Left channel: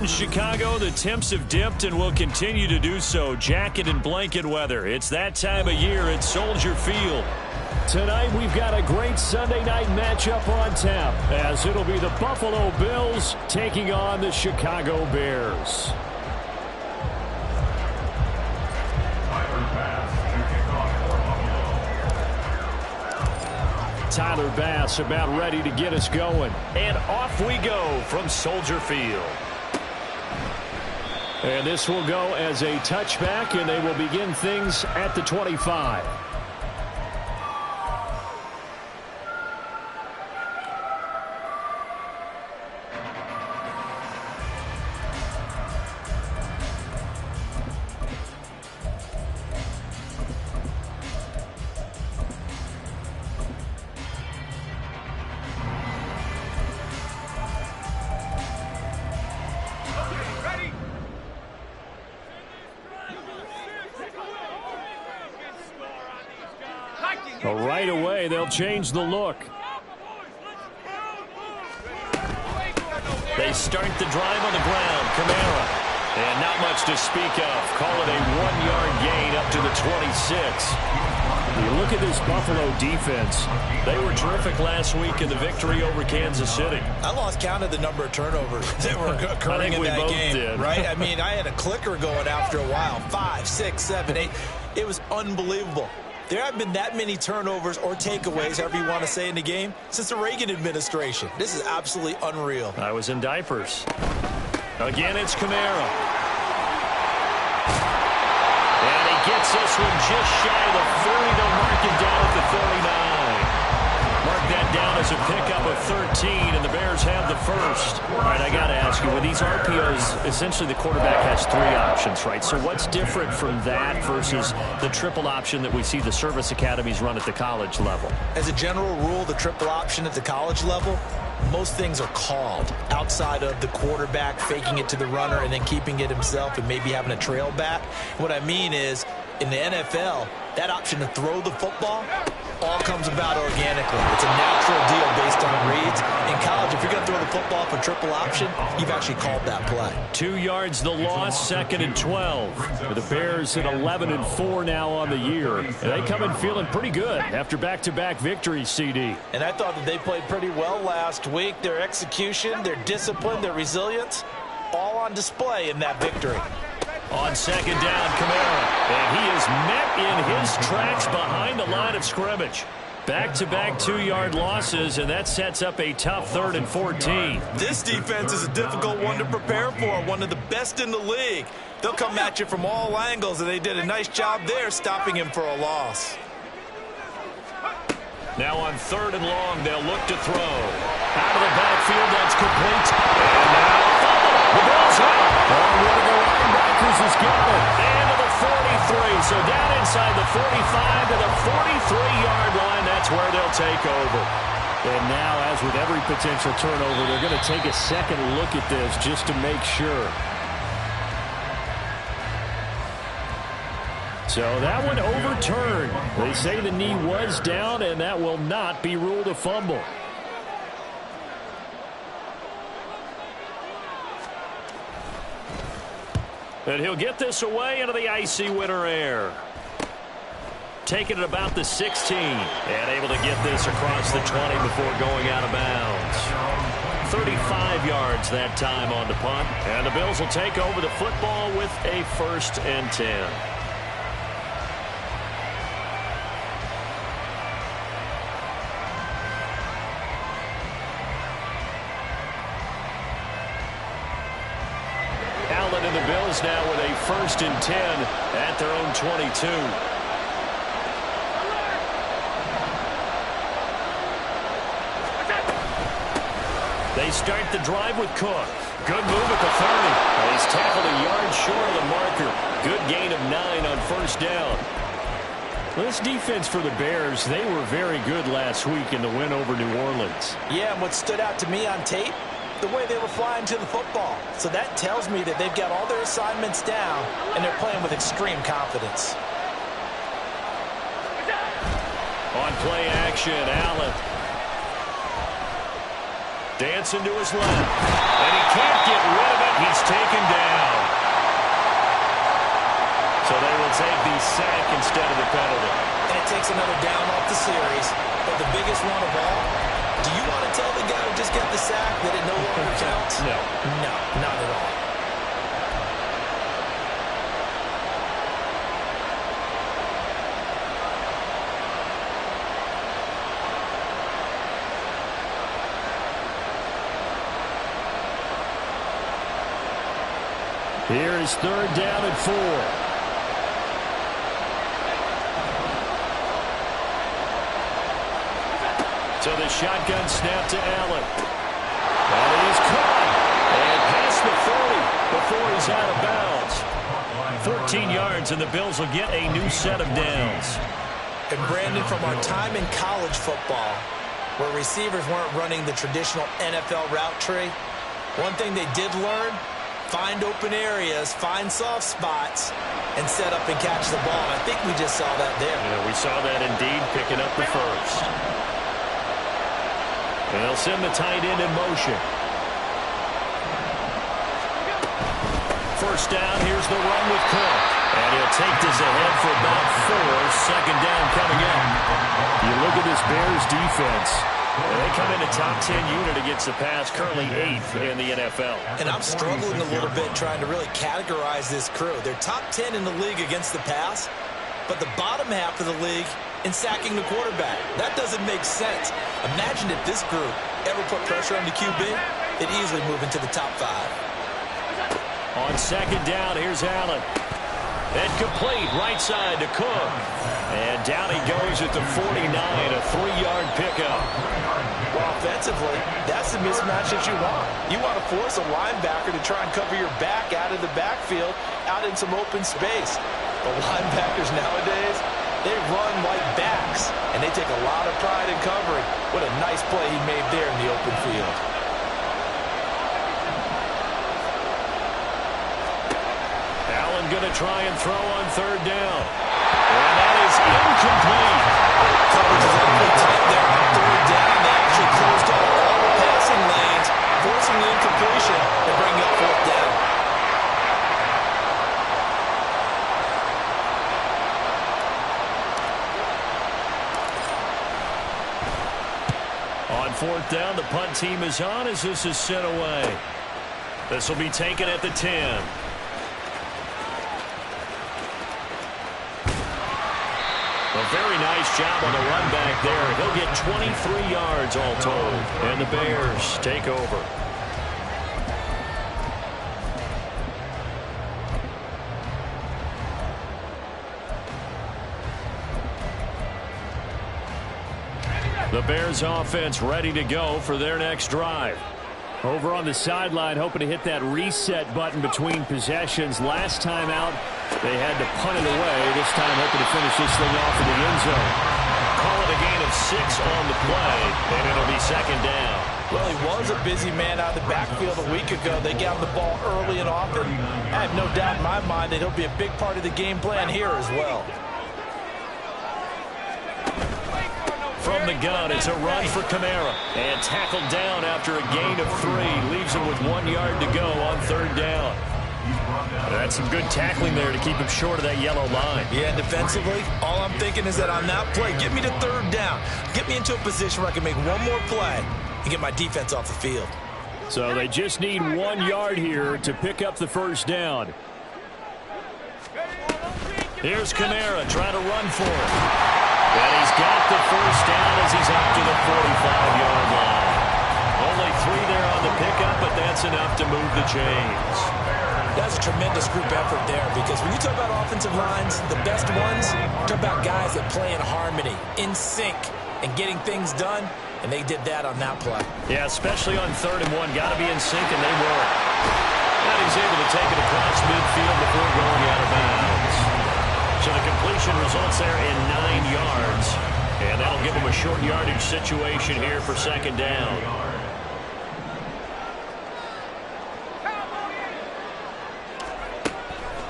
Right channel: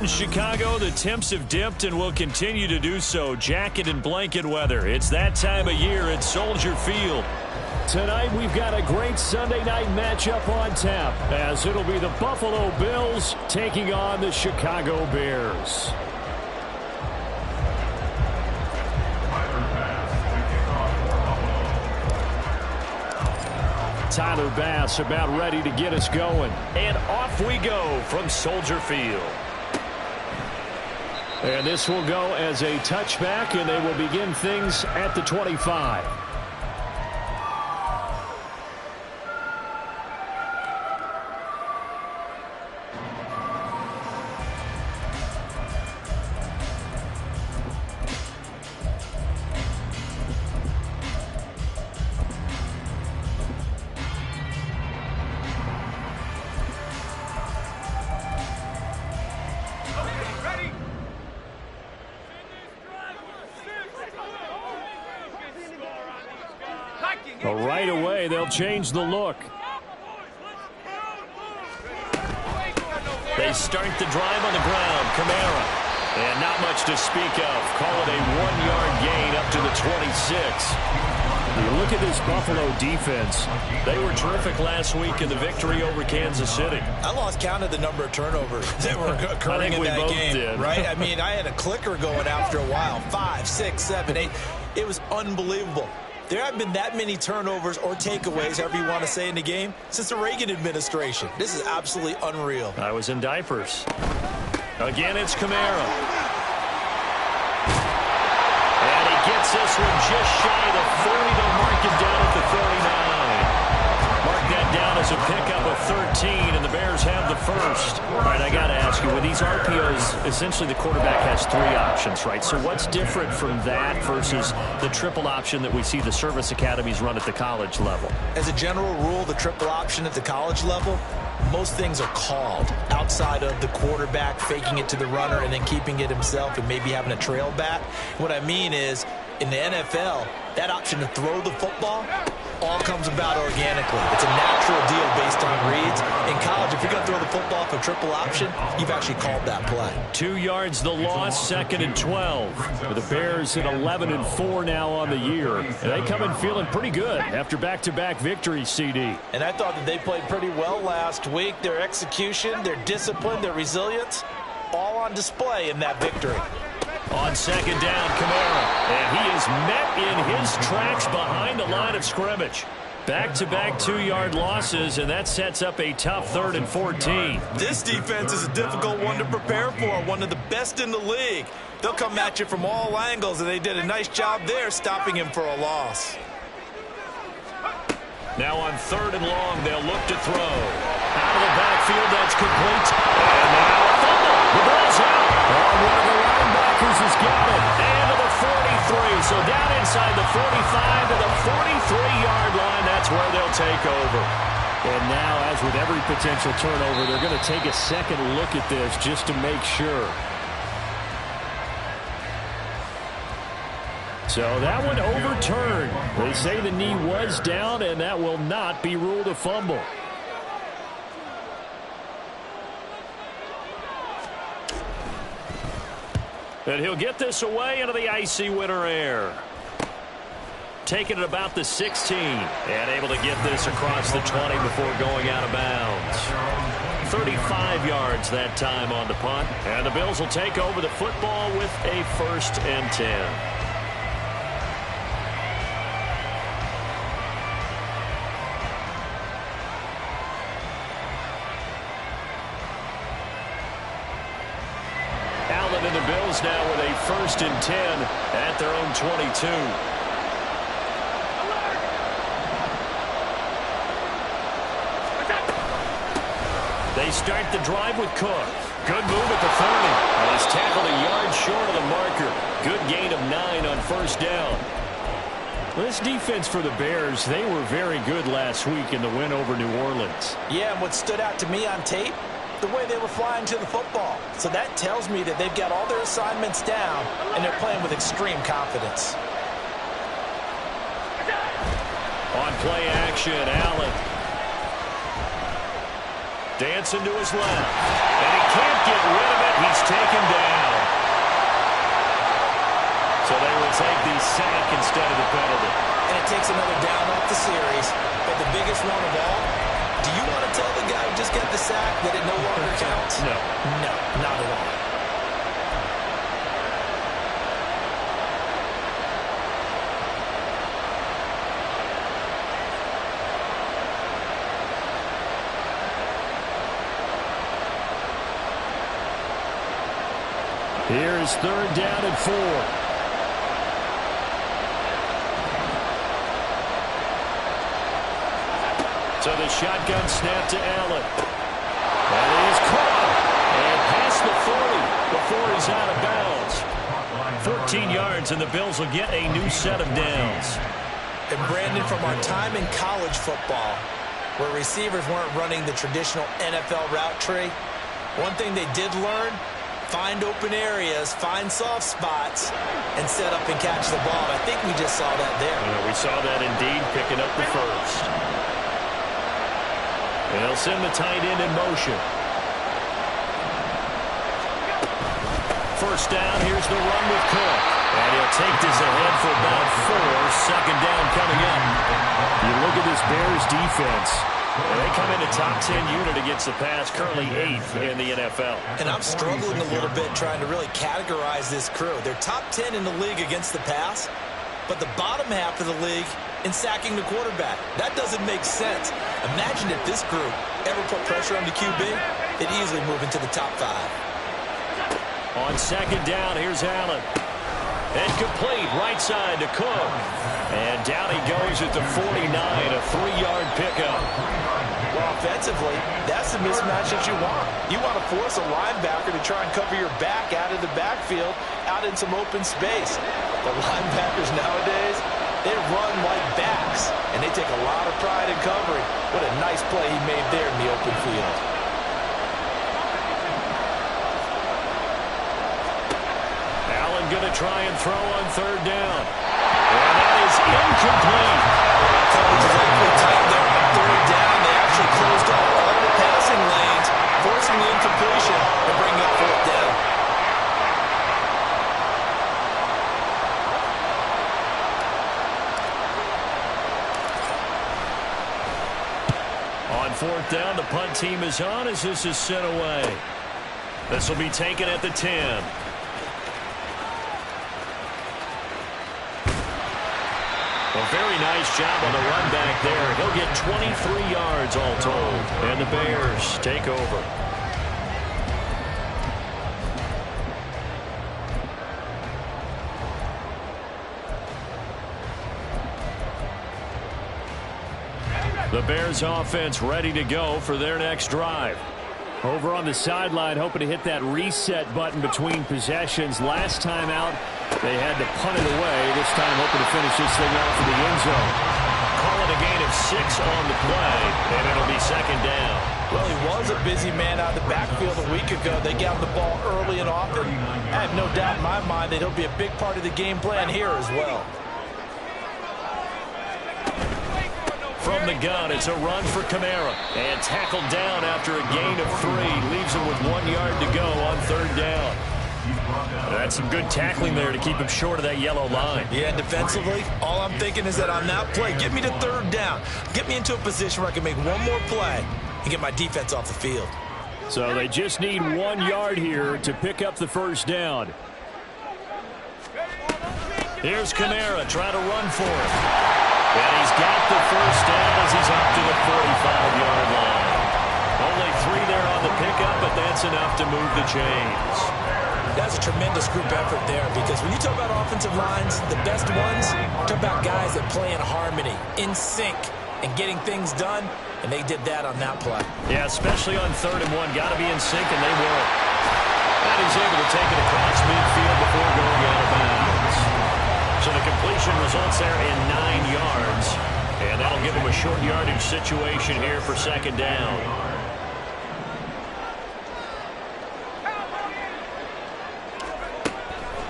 In Chicago, the temps have dipped and will continue to do so. Jacket and blanket weather. It's that time of year at Soldier Field. Tonight, we've got a great Sunday night matchup on tap, as it'll be the Buffalo Bills taking on the Chicago Bears. Tyler Bass about ready to get us going. And off we go from Soldier Field. And this will go as a touchback, and they will begin things at the 25. Right away, they'll change the look. They start the drive on the ground. Kamara. And not much to speak of. Call it a 1-yard gain up to the 26. You look at this Buffalo defense. They were terrific last week in the victory over Kansas City. I lost count of the number of turnovers that were occurring in that game. Did. Right? I mean, I had a clicker going after a while. 5, 6, 7, 8. It was unbelievable. There haven't been that many turnovers or takeaways, however you want to say, in the game since the Reagan administration. This is absolutely unreal. I was in diapers. Again, it's Kamara. And he gets this one just shy of the 40. They'll mark it down at the 39. Mark that down as a pickup of 13, and the Bears have the first. All right, I got to ask you, with these RPOs, essentially the quarterback has 3 options, right? So what's different from that versus the triple option that we see the service academies run at the college level? As a general rule, the triple option at the college level, most things are called outside of the quarterback faking it to the runner and then keeping it himself and maybe having a trail back. What I mean is, in the NFL, that option to throw the football all comes about organically. It's a natural deal based on reads. In college, if you're going to throw the football for triple option, you've actually called that play. 2 yards the loss, 2nd and 12. With the Bears at 11-4 now on the year. And they come in feeling pretty good after back-to-back victories, CD. And I thought that they played pretty well last week. Their execution, their discipline, their resilience, all on display in that victory. On 2nd down, Kamara. And he is met in his tracks behind the line of scrimmage. Back-to-back 2-yard losses, and that sets up a tough 3rd and 14. This defense is a difficult one to prepare for, one of the best in the league. They'll come at you from all angles, and they did a nice job there stopping him for a loss. Now on 3rd and long, they'll look to throw. Out of the backfield, that's complete. And now a fumble. The ball's out. Oh, one of the linebackers has got it. And to the 43. So down inside the 45 to the 43-yard line. That's where they'll take over. And now, as with every potential turnover, they're going to take a second look at this just to make sure. So that one overturned. They say the knee was down, and that will not be ruled a fumble. And he'll get this away into the icy winter air. Taking it about the 16. And able to get this across the 20 before going out of bounds. 35 yards that time on the punt. And the Bills will take over the football with a 1st and 10. Allen and the Bills now with a 1st and 10 at their own 22. They start the drive with Cook. Good move at the 30. And he's tackled a yard short of the marker. Good gain of 9 on 1st down. Well, this defense for the Bears, they were very good last week in the win over New Orleans. Yeah, and what stood out to me on tape, the way they were flying to the football. So that tells me that they've got all their assignments down, and they're playing with extreme confidence. On play action, Allen. Dancing to his left. And he can't get rid of it. He's taken down. So they will take the sack instead of the penalty. And it takes another down off the series. But the biggest one of all, do you want to tell the guy who just got the sack that it no longer counts? No. No, not at all. Here is 3rd down and 4. So the shotgun snap to Allen. That is caught. And past the 40 before he's out of bounds. 14 yards, and the Bills will get a new set of downs. And Brandon, from our time in college football, where receivers weren't running the traditional NFL route tree, one thing they did learn: find open areas, find soft spots, and set up and catch the ball. And I think we just saw that there. Yeah, we saw that indeed, picking up the first. And they'll send the tight end in motion. First down, here's the run with Cook. And he'll take this ahead for about 4. 2nd down coming up. You look at this Bears defense. They come in a top 10 unit against the pass, currently 8th in the NFL. And I'm struggling a little bit trying to really categorize this crew. They're top 10 in the league against the pass, but the bottom half of the league in sacking the quarterback. That doesn't make sense. Imagine if this group ever put pressure on the QB, they'd easily move into the top 5. On 2nd down, here's Allen. And complete right side to Cook. And down he goes at the 49, a 3-yard pickup. Well, offensively, that's the mismatch that you want. You want to force a linebacker to try and cover your back out of the backfield, out in some open space. The linebackers nowadays, they run like backs, and they take a lot of pride in covering. What a nice play he made there in the open field. Allen going to try and throw on 3rd down. And that is incomplete. Coverage is awfully tight there on 3rd down. They actually closed off all the passing lanes, forcing the incompletion and bringing up 4th down. On 4th down, the punt team is on as this is sent away. This will be taken at the 10. A very nice job on the run back there. He'll get 23 yards all told. And the Bears take over. The Bears offense ready to go for their next drive. Over on the sideline, hoping to hit that reset button between possessions. Last time out, they had to punt it away. This time, hoping to finish this thing off in the end zone. Call it a gain of 6 on the play, and it'll be 2nd down. Well, he was a busy man out of the backfield a week ago. They got him the ball early and often. I have no doubt in my mind that he'll be a big part of the game plan here as well. From the gun, it's a run for Kamara. And tackled down after a gain of 3. Leaves him with 1 yard to go on 3rd down. That's some good tackling there to keep him short of that yellow line. Yeah, and defensively, all I'm thinking is that on that play, get me to 3rd down. Get me into a position where I can make one more play and get my defense off the field. So they just need 1 yard here to pick up the 1st down. Here's Kamara trying to run for it. And he's got the 1st down as he's up to the 45-yard line. Only 3 there on the pickup, but that's enough to move the chains. That's a tremendous group effort there, because when you talk about offensive lines, the best ones, talk about guys that play in harmony, in sync, and getting things done, and they did that on that play. Yeah, especially on 3rd and 1. Got to be in sync, and they were. And he's able to take it across midfield before going out of bounds. So the completion results there in 9 yards. And that'll give him a short yardage situation here for 2nd down.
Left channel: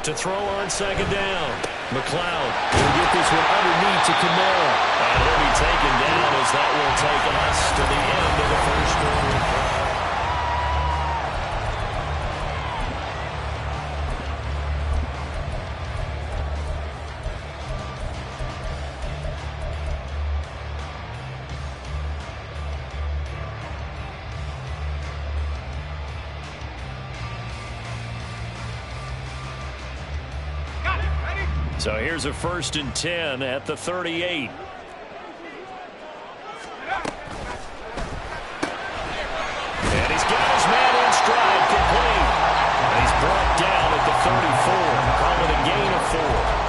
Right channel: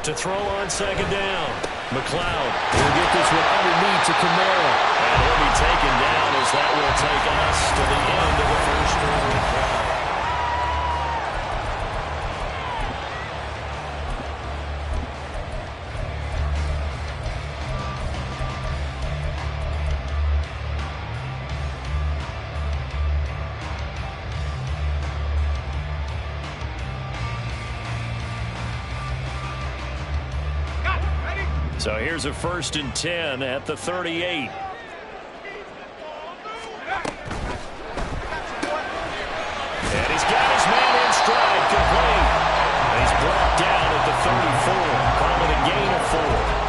To throw on 2nd down. McLeod will get this one underneath to Kamara. And he'll be taken down as that will take us to the end of the first quarter of play. So here's a 1st and 10 at the 38. And he's got his man in stride, complete. And he's brought down at the 34. Call it a gain of 4.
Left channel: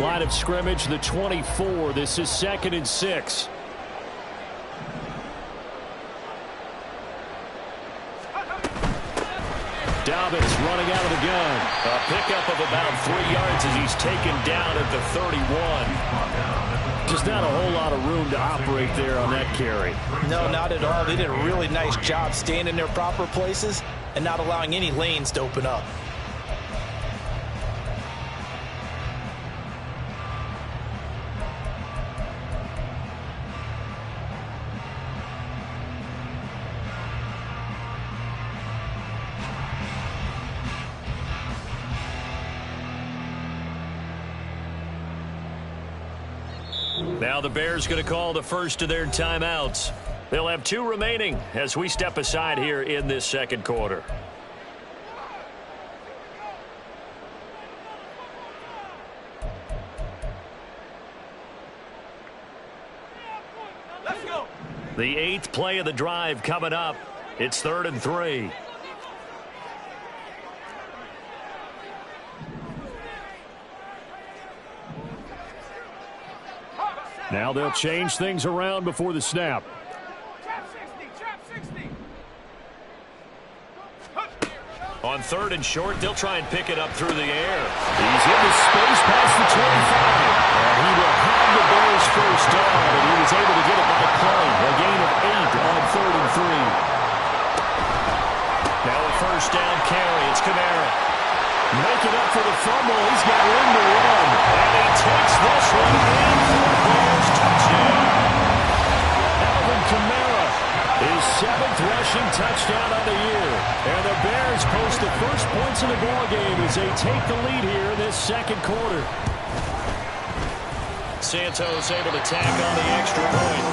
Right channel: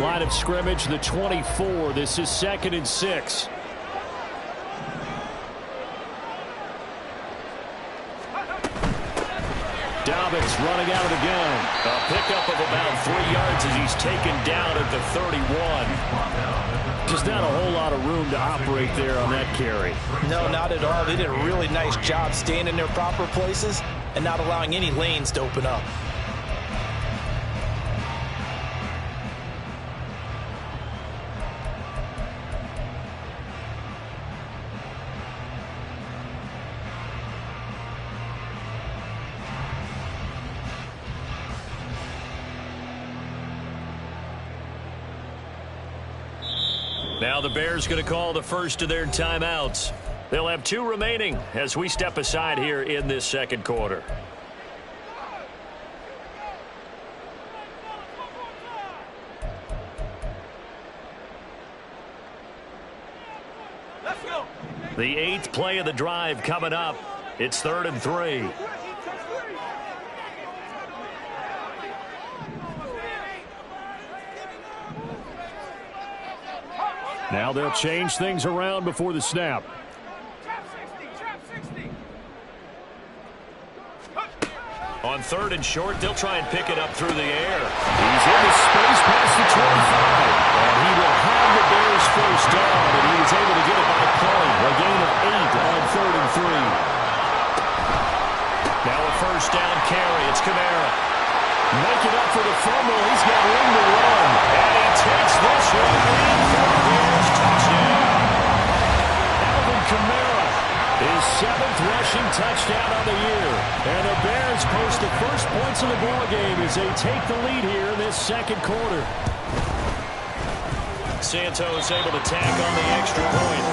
Line of scrimmage, the 24. This is 2nd and 6. Dobbins running out of the gun. A pickup of about 3 yards as he's taken down at the 31. Just not a whole lot of room to operate there on that carry. No, not at all. They did a really nice job staying in their proper places and not allowing any lanes to open up. Now the Bears going to call the first of their timeouts. They'll have 2 remaining as we step aside here in this second quarter. Let's go. The 8th play of the drive coming up. It's 3rd and 3. Now they'll change things around before the snap. Trap 60. On 3rd and short, they'll try and pick it up through the air. He's in the space past the 25. And he will have the Bears first down, and he was able to get it by play. A gain of 8 on 3rd and 3. Now a first down carry. It's Kamara. Make it up for the fumble. He's got room to run. And he takes this one in for the Bears touchdown. Alvin Kamara, his 7th rushing touchdown on the year. And the Bears post the first points of the ballgame as they take the lead here in this second quarter. Santos able to tack on the extra point.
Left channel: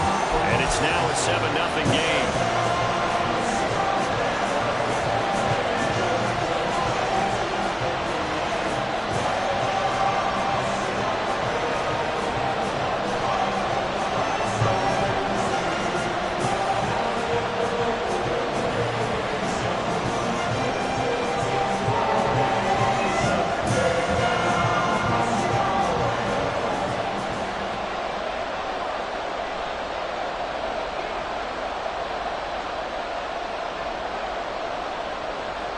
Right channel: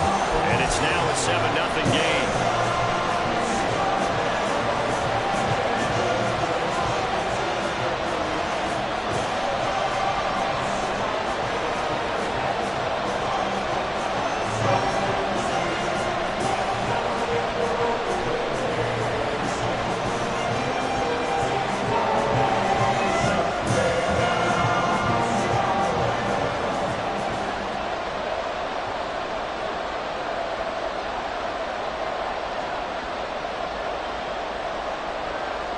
And it's now a 7-0 game.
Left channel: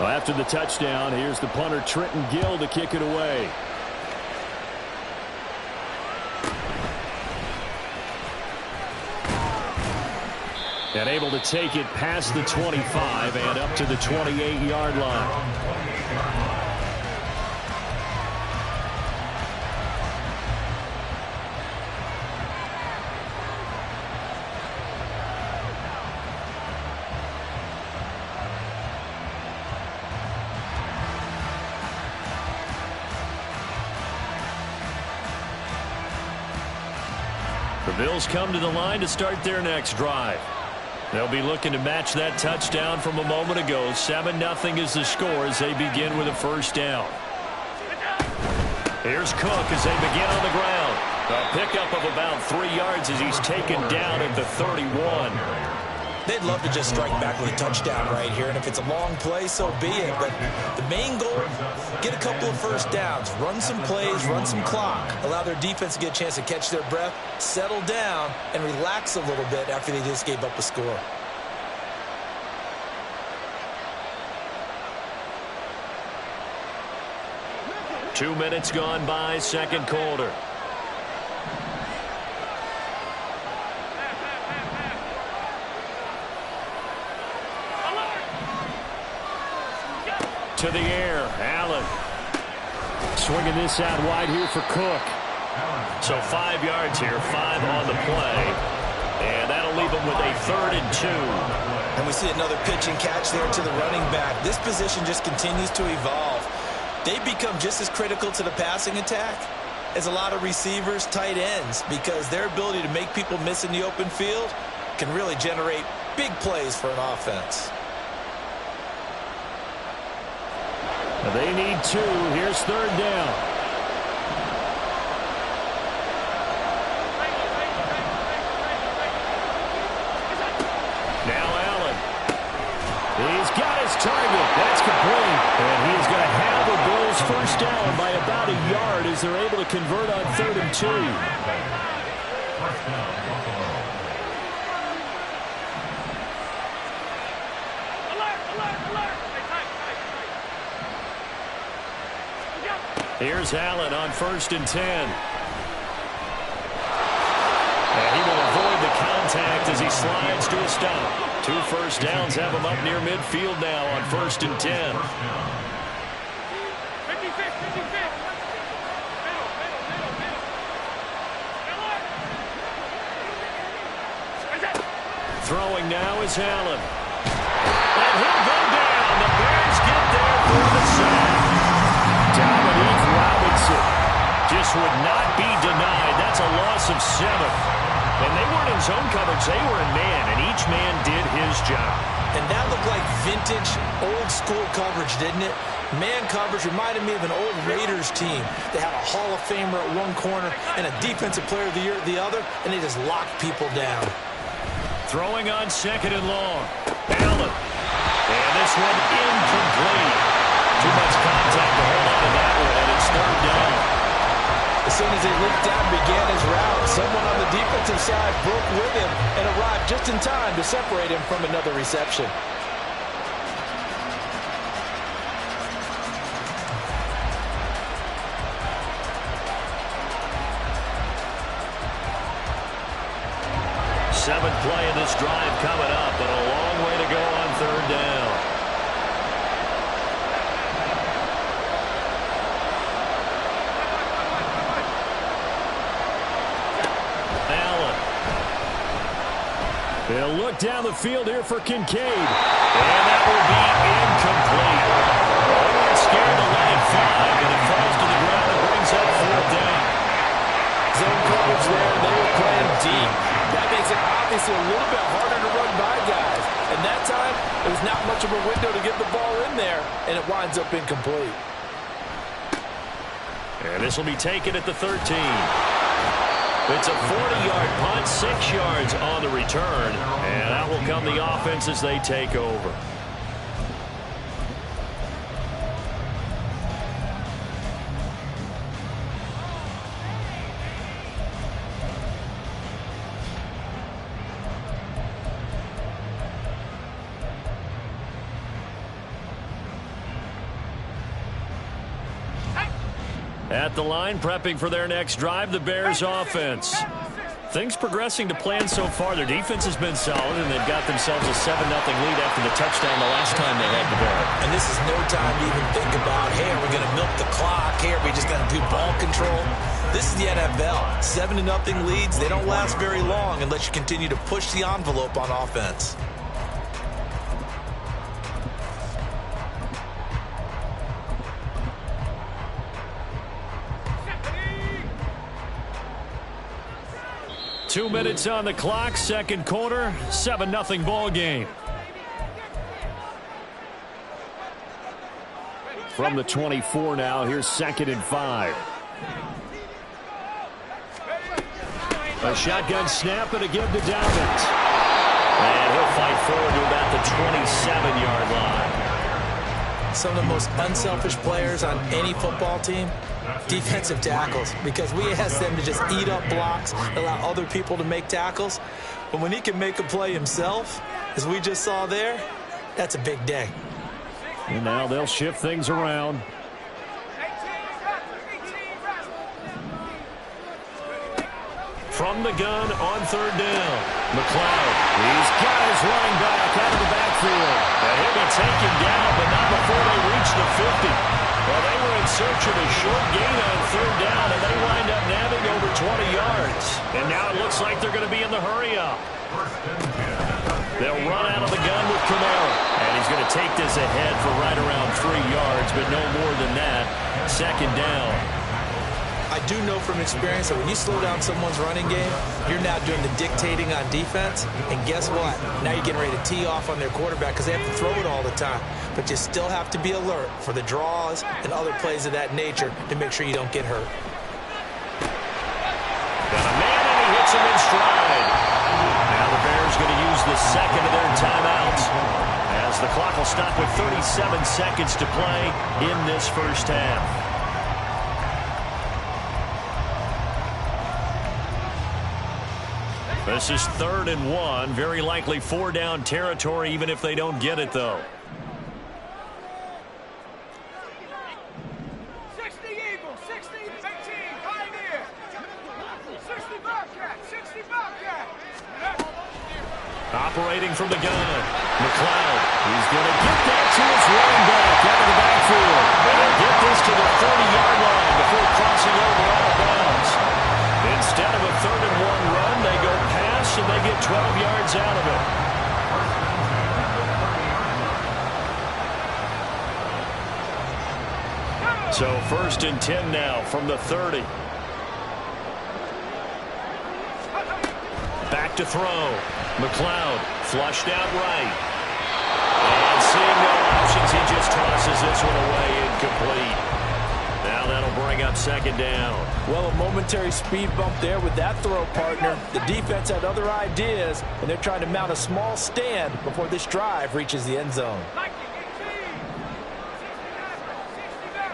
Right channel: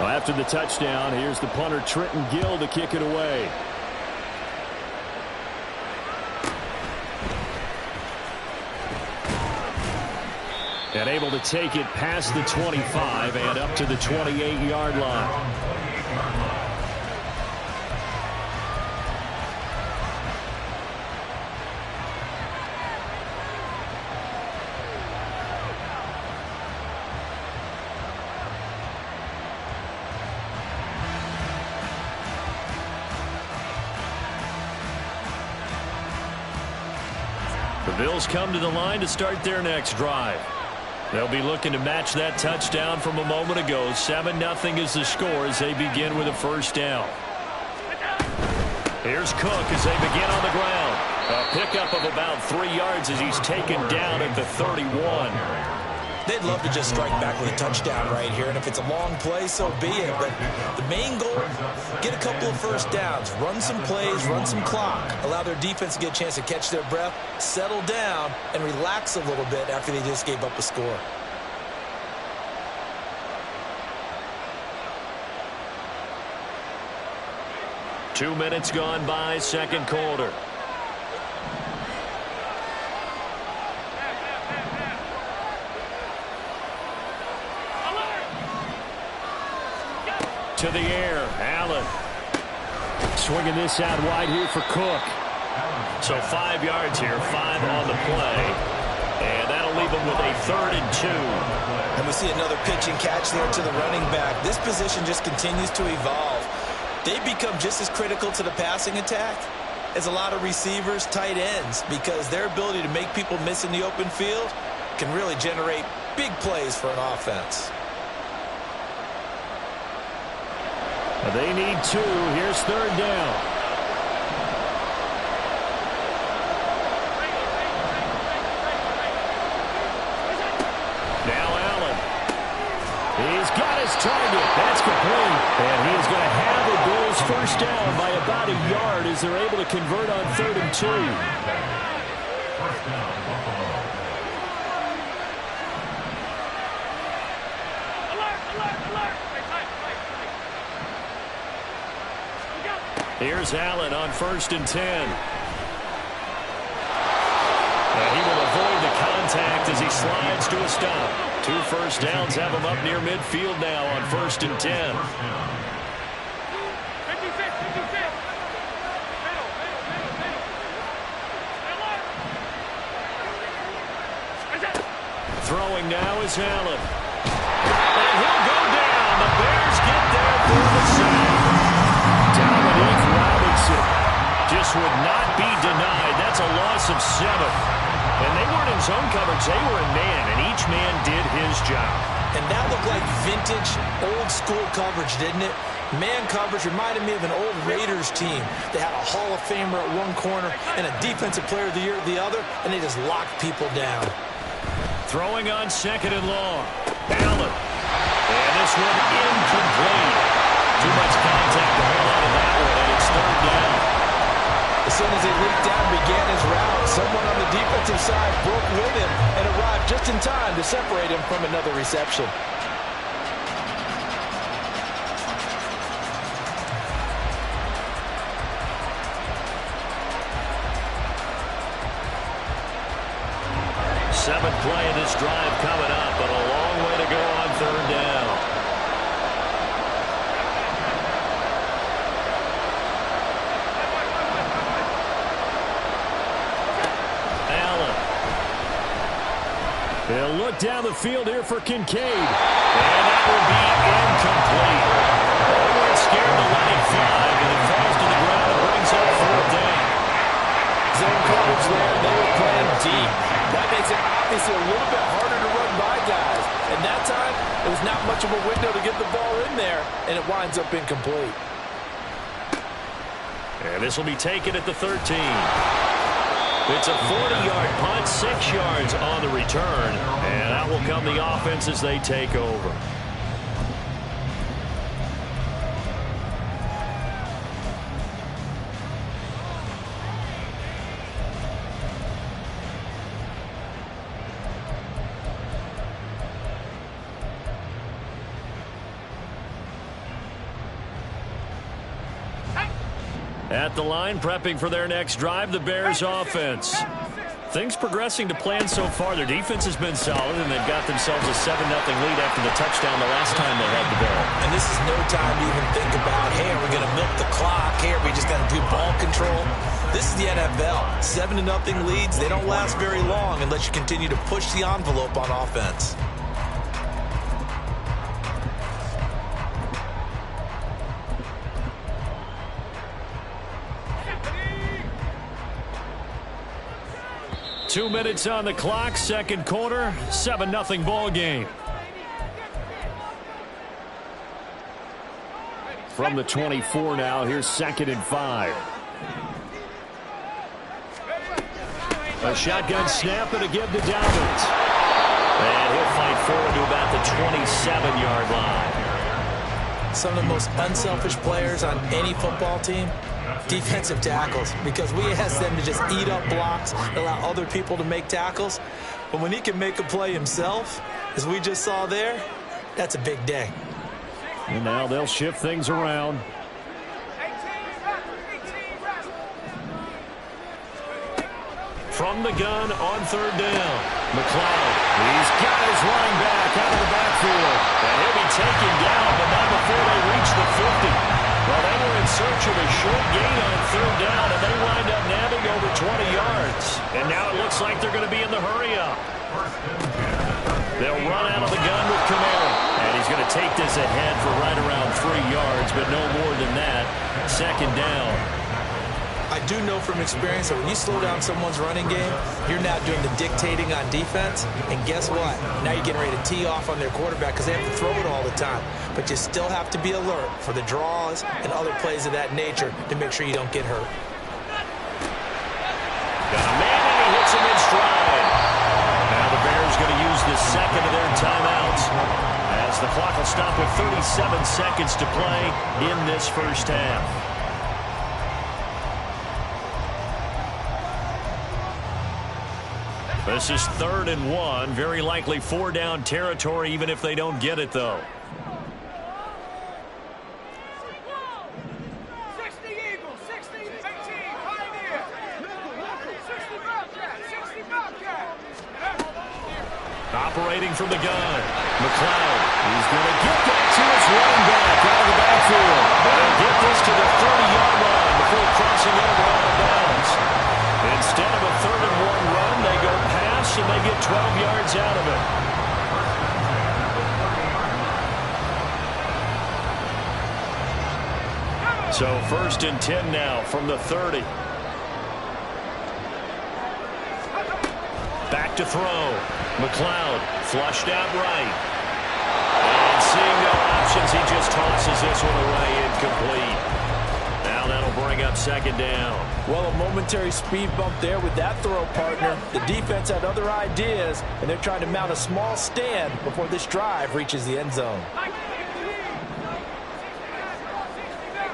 After the touchdown, here's the punter Trenton Gill to kick it away. And able to take it past the 25 and up to the 28-yard line. The Bills come to the line to start their next drive. They'll be looking to match that touchdown from a moment ago. 7-0 is the score as they begin with a first down. Here's Cook as they begin on the ground. A pickup of about 3 yards as he's taken down at the 31. They'd love to just strike back with a touchdown right here, and if it's a long play, so be it. But the main goal, get a couple of first downs, run some plays, run some clock, allow their defense to get a chance to catch their breath, settle down, and relax a little bit after they just gave up a score. 2 minutes gone by, second quarter. To the air, Allen. Swinging this out wide here for Cook. So 5 yards here, 5 on the play. And that'll leave them with a 3rd and 2. And we see another pitch and catch there to the running back. This position just continues to evolve. They become just as critical to the passing attack as a lot of receivers, tight ends, because their ability to make people miss in the open field can really generate big plays for an offense. They need 2. Here's 3rd down. Now Allen. He's got his target. That's complete. And he is going to have the Bills first down by about a yard as they're able to convert on 3rd and 2. First down, Buffalo. Here's Allen on 1st and 10. And he will avoid the contact as he slides to a stop. 2 first downs have him up near midfield now on 1st and 10. 56. Throwing now is Allen. And he'll go down. The Bears get there for the sack. Dominique Robinson just would not be denied. That's a loss of 7. And they weren't in zone coverage. They were in man, and each man did his job. And that looked like vintage, old-school coverage, didn't it? Man coverage reminded me of an old Raiders team. They had a Hall of Famer at one corner and a Defensive Player of the Year at the other, and they just locked people down. Throwing on 2nd and long. Allen. And this one incomplete. Too much contact to hold on to that one, and it's 3rd down. As soon as he leaped out and began his route, someone on the defensive side broke with him and arrived just in time to separate him from another reception. Seventh play of this drive coming up, but a long way to go on 3rd down. Allen. He'll look down the field here for Kincaid. And that will be incomplete. They weren't scared to let it fly, but it falls to the ground and brings up 4th down. Zone coverage there, they were playing deep. That makes it obviously a little bit harder to run by guys. And that time, there was not much of a window to get the ball in there, and it winds up incomplete. And this will be taken at the 13. It's a 40-yard punt, 6 yards on the return. And out will come the offense as they take over. At the line, prepping for their next drive, the Bears offense. Things progressing to plan so far. Their defense has been solid, and they've got themselves a 7-0 lead after the touchdown the last time they had the ball. And this is no time to even think about, hey, are we going to milk the clock? Hey, are we just going to do ball control? This is the NFL. 7-0 leads, they don't last very long unless you continue to push the envelope on offense. Two minutes on the clock, second quarter, 7-0 ball game. From the 24 now, here's 2nd and 5. A shotgun snap and a give to Dobbins. And he'll fight forward to about the 27-yard line. Some of the most unselfish players on any football team, defensive tackles, because we ask them to just eat up blocks, allow other people to make tackles. But when he can make a play himself, as we just saw there, that's a big day. And now they'll shift things around. from the gun on third down. McLeod, he's got his running back out of the backfield. And he'll be taken down, but not before they reach the 50. Well, they were in search of a short gain on third down, and they wind up nabbing over 20 yards. And now it looks like they're going to be in the hurry-up. They'll run out of the gun with Kamara. And he's going to take this ahead for right around 3 yards, but no more than that. Second down. I do know from experience that when you slow down someone's running game, you're now doing the dictating on defense. And guess what? Now you're getting ready to tee off on their quarterback because they have to throw it all the time. But you still have to be alert for the draws and other plays of that nature to make sure you don't get hurt. Got a man, and he hits him in stride. Now the Bears going to use the second of their timeouts as the clock will stop with 37 seconds to play in this first half. This is 3rd and 1. Very likely 4-down territory, even if they don't get it, though. 60 Eagles, 60, 18, Pioneer. 60 Bobcat, 60 Bobcat. Operating from the gun. McLeod, he's going to get that to his running back out of the backfield. And he'll get this to the 30-yard line before crossing over out of bounds. Instead of a 3rd and 1 run, they go pass, and they get 12 yards out of it. So 1st and 10 now from the 30. Back to throw. McLeod flushed out right. And seeing no options, he just tosses this one away incomplete. Now that'll bring up 2nd down. Well, a momentary speed bump there with that throw, partner. The defense had other ideas, and they're trying to mount a small stand before this drive reaches the end zone. 19, 18, 69,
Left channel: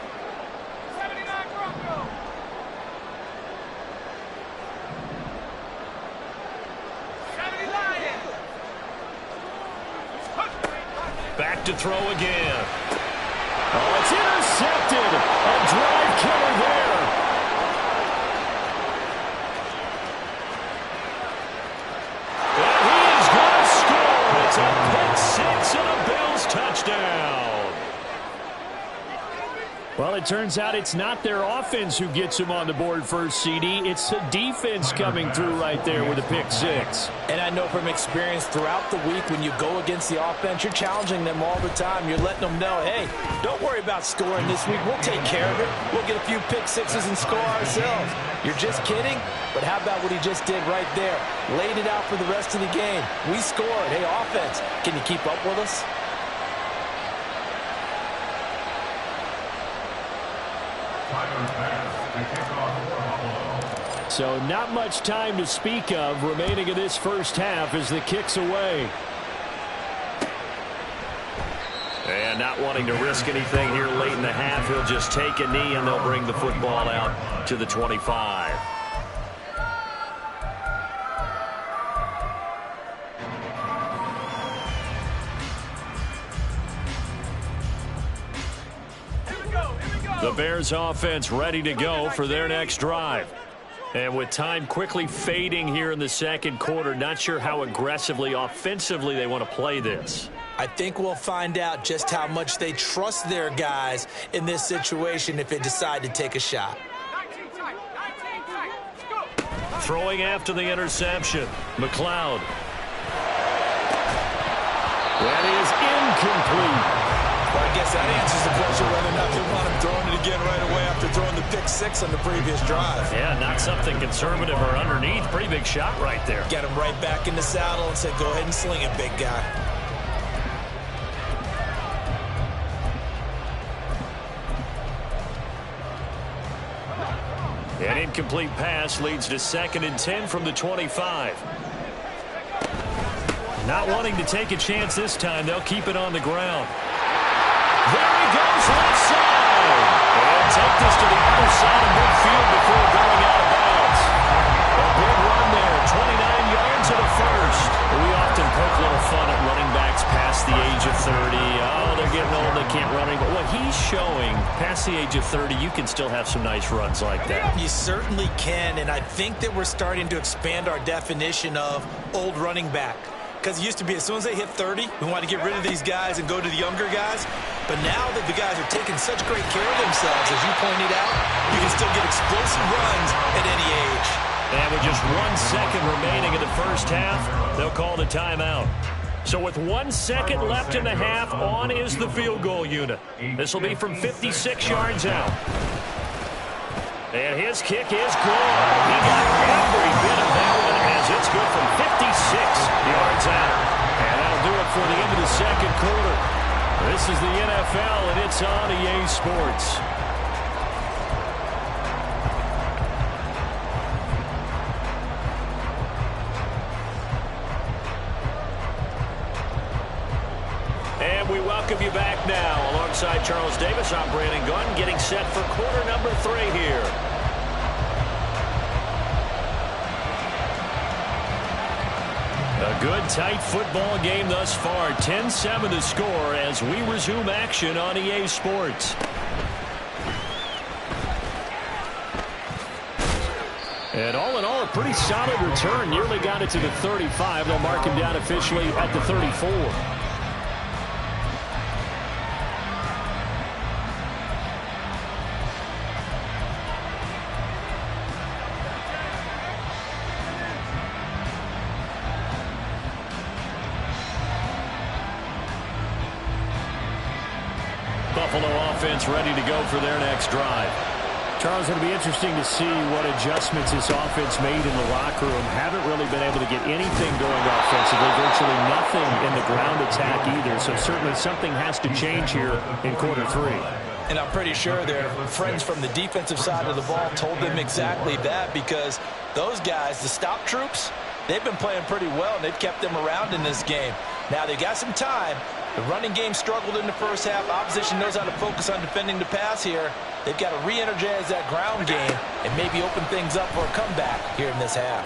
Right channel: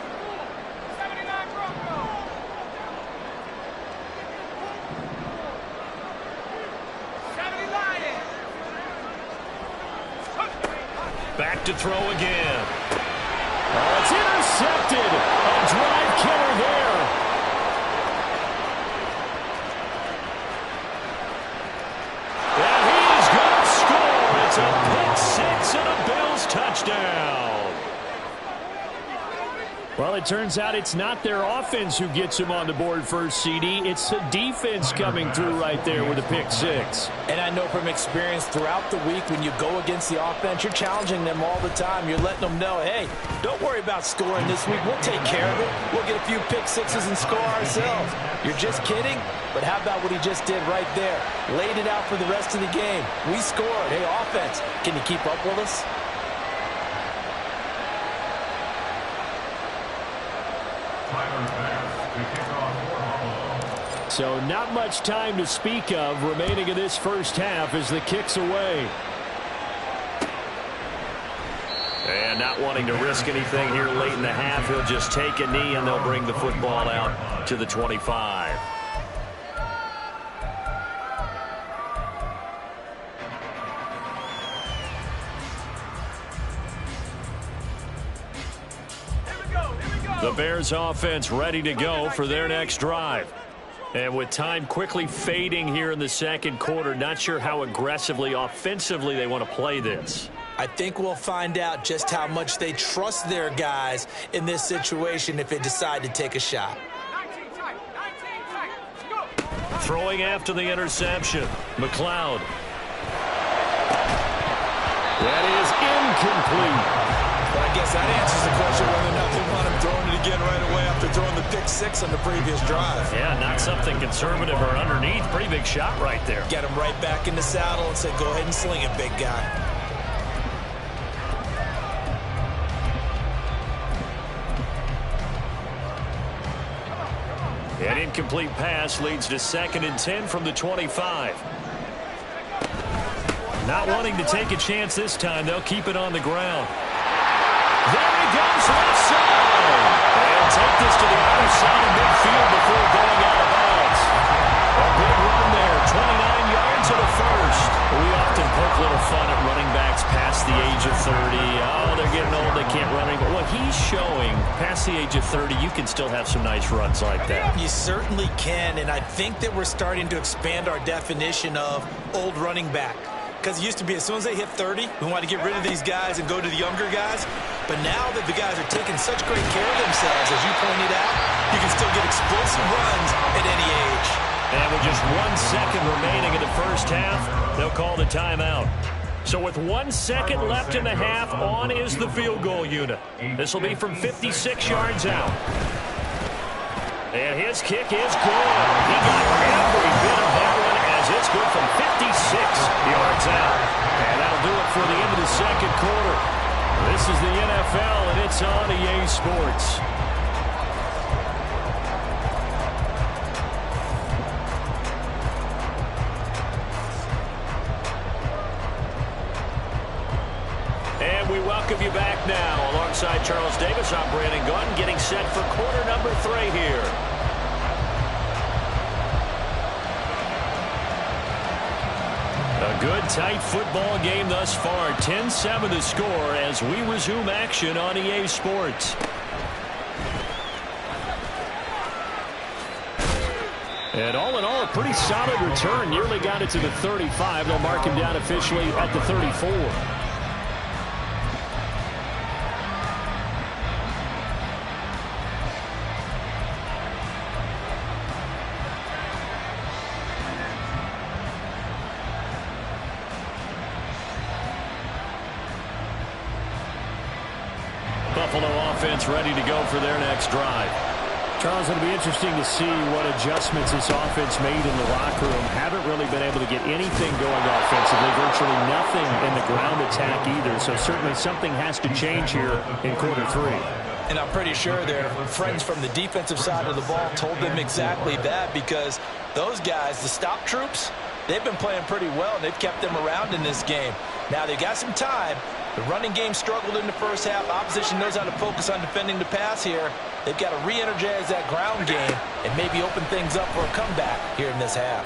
79 Broncos. Back to throw again. Oh, it's intercepted. A drive killer there. And he is going to score. It's a pick 6 and a Bills touchdown. Well, it turns out it's not their offense who gets him on the board first, CD. It's the defense coming through right there with a pick 6. And I know from experience throughout the week when you go against the offense, you're challenging them all the time. You're letting them know, hey, don't worry about scoring this week. We'll take care of it. We'll get a few pick 6s and score ourselves. You're just kidding? But how about what he just did right there? Laid it out for the rest of the game. We scored. Hey, offense, can you keep up with us? So not much time to speak of remaining in this first half as the kick's away. And not wanting to risk anything here late in the half, he'll just take a knee and they'll bring the football out to the 25. The Bears offense ready to go for their next drive. And with time quickly fading here in the second quarter, not sure how aggressively, offensively they want to play this. I think we'll find out just how much they trust their guys in this situation if they decide to take a shot. 19 tight, go. Throwing after the interception. McLeod. That is incomplete. Well, I guess that answers the question whether or not they want him throwing it again right away after throwing the pick 6 on the previous drive. Yeah, not something conservative or underneath. Pretty big shot right there. Get him right back in the saddle and say, go ahead and sling it, big guy. An incomplete pass leads to 2nd and 10 from the 25. Not wanting to take a chance this time, they'll keep it on the ground. There he goes, left side. They'll take this to the other side of midfield before going out of bounds. A big run there, 29 yards and a first. We often poke a little fun at running backs past the age of 30. Oh, they're they're getting old, they can't run anymore. What he's showing, past the age of 30, you can still have some nice runs like that. You certainly can, and I think that we're starting to expand our definition of old running back. Because it used to be as soon as they hit 30, we want to get rid of these guys and go to the younger guys. But now that the guys are taking such great care of themselves, as you pointed out, you can still get explosive runs at any age. And with just 1 second remaining in the first half, they'll call the timeout. So with 1 second left in the half, on is the field goal unit. This will be from 56 yards out. And his kick is good. He got every bit of that one as it's good from 56 yards out. And that'll do it for the end of the second quarter. This is the NFL, and it's on EA Sports. And we welcome you back now. Alongside Charles Davis, I'm Brandon Gunn, getting set for quarter number 3 here. A good, tight football game thus far. 10-7 the score as we resume action on EA Sports. And all in all, a pretty solid return. Nearly got it to the 35. They'll mark him down officially at the 34. Buffalo offense ready to go for their next drive. Charles, it'll be interesting to see what adjustments this offense made in the locker room. Haven't really been able to get anything going offensively. Virtually nothing in the ground attack either. So certainly something has to change here in quarter 3. And I'm pretty sure their friends from the defensive side of the ball told them exactly that, because those guys, the stop troops, they've been playing pretty well, and they've kept them around in this game. Now, they've got some time. The running game struggled in the first half. Opposition knows how to focus on defending the pass here. They've got to re-energize that ground game and maybe open things up for a comeback here in this half.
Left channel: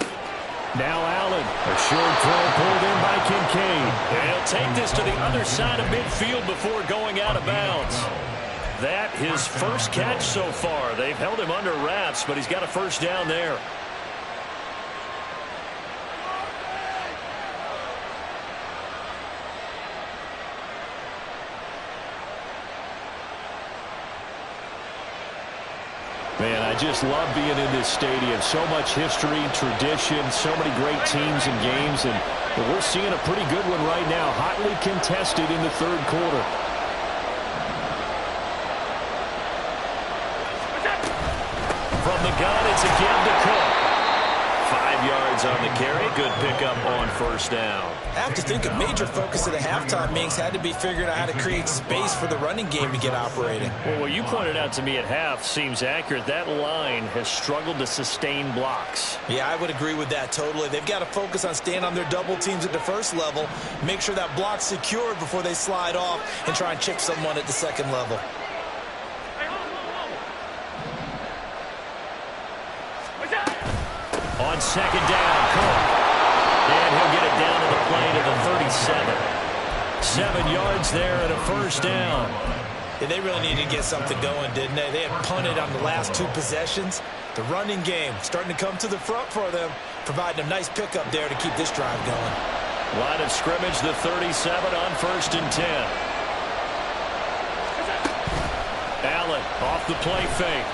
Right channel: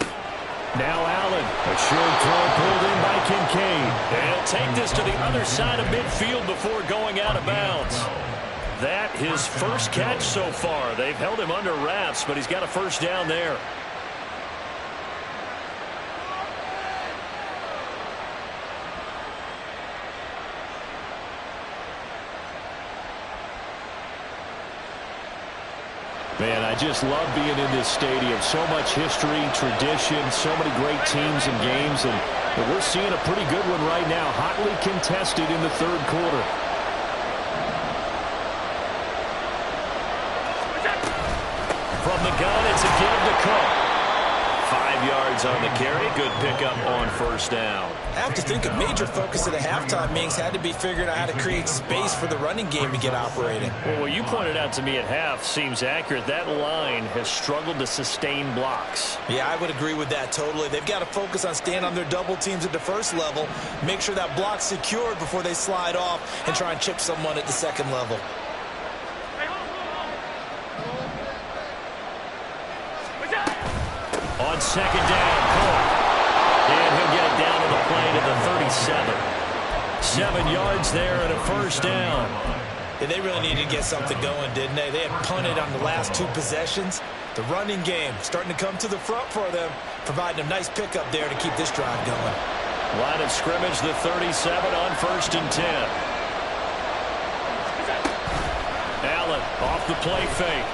Now Allen, a short throw pulled in by Kincaid. And he'll take this to the other side of midfield before going out of bounds. That his first catch so far. They've held him under wraps, but he's got a first down there. Man, I just love being in this stadium. So much history, tradition, so many great teams and games, and we're seeing a pretty good one right now, hotly contested in the third quarter. From the gun, it's a give to Cook. 5 yards on the carry. Good pickup on first down. I have to think a major focus of the halftime meetings had to be figuring out how to create space for the running game to get operating. Well, what you pointed out to me at half seems accurate. That line has struggled to sustain blocks. Yeah, I would agree with that totally. They've got to focus on staying on their double teams at the first level, make sure that block's secured before they slide off and try and chip someone at the second level. On second down, Cook. And he'll get it down to the play to the 37. 7 yards there and a first down. Yeah, they really needed to get something going, didn't they? They had punted on the last 2 possessions. The running game starting to come to the front for them, providing a nice pickup there to keep this drive going. Line of scrimmage, the 37 on 1st and 10. Allen off the play fake.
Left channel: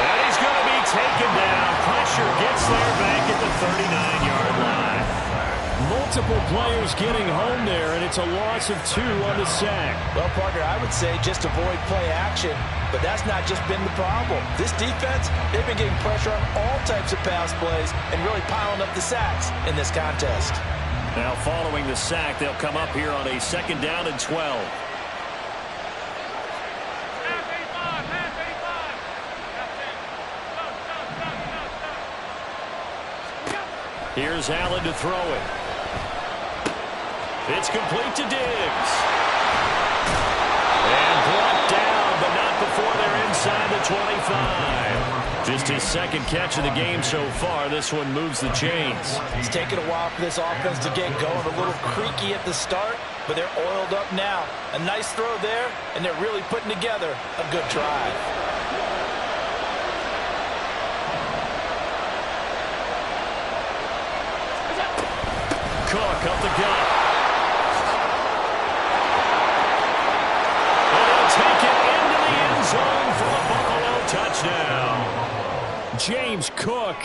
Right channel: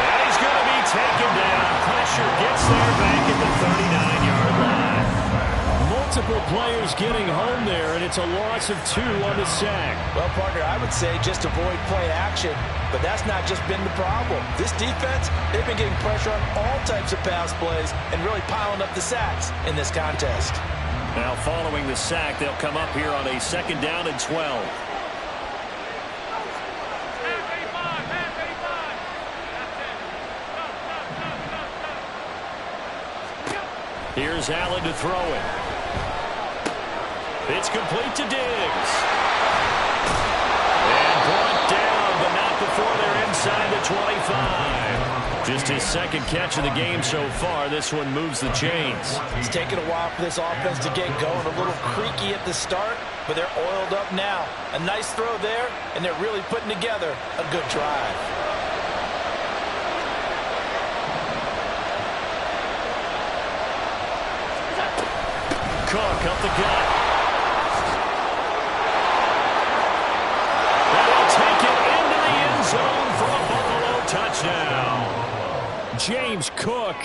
And he's going to be taken down. Pressure gets there back at the 39-yard line. Multiple players getting home there, and it's a loss of 2 on the sack. Well, partner, I would say just avoid play action, but that's not just been the problem. This defense, they've been getting pressure on all types of pass plays and really piling up the sacks in this contest. Now, following the sack, they'll come up here on a 2nd down and 12. Here's Allen to throw it. It's complete to Diggs. And brought down, but not before they're inside the 25. Just his 2nd catch of the game so far. This one moves the chains. It's taken a while for this offense to get going. A little creaky at the start, but they're oiled up now. A nice throw there, and they're really putting together a good drive. Cook up the gut. And he'll take it into the end zone for a Buffalo touchdown. James Cook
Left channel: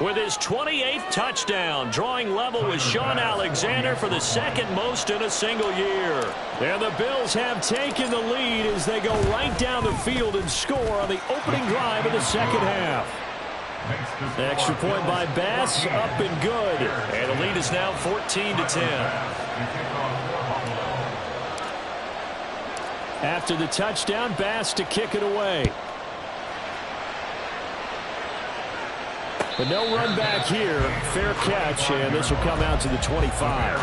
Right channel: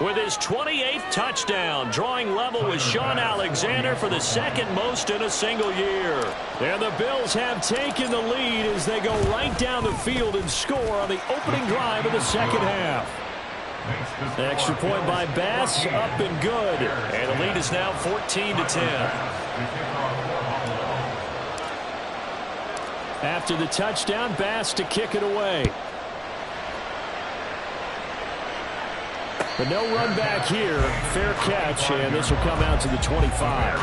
with his 28th touchdown, drawing level with Sean Alexander for the second most in a single year. And the Bills have taken the lead as they go right down the field and score on the opening drive of the second half. The extra point by Bass, up and good. And the lead is now 14-10. After the touchdown, Bass to kick it away. But no run back here. Fair catch, and this will come out to the 25.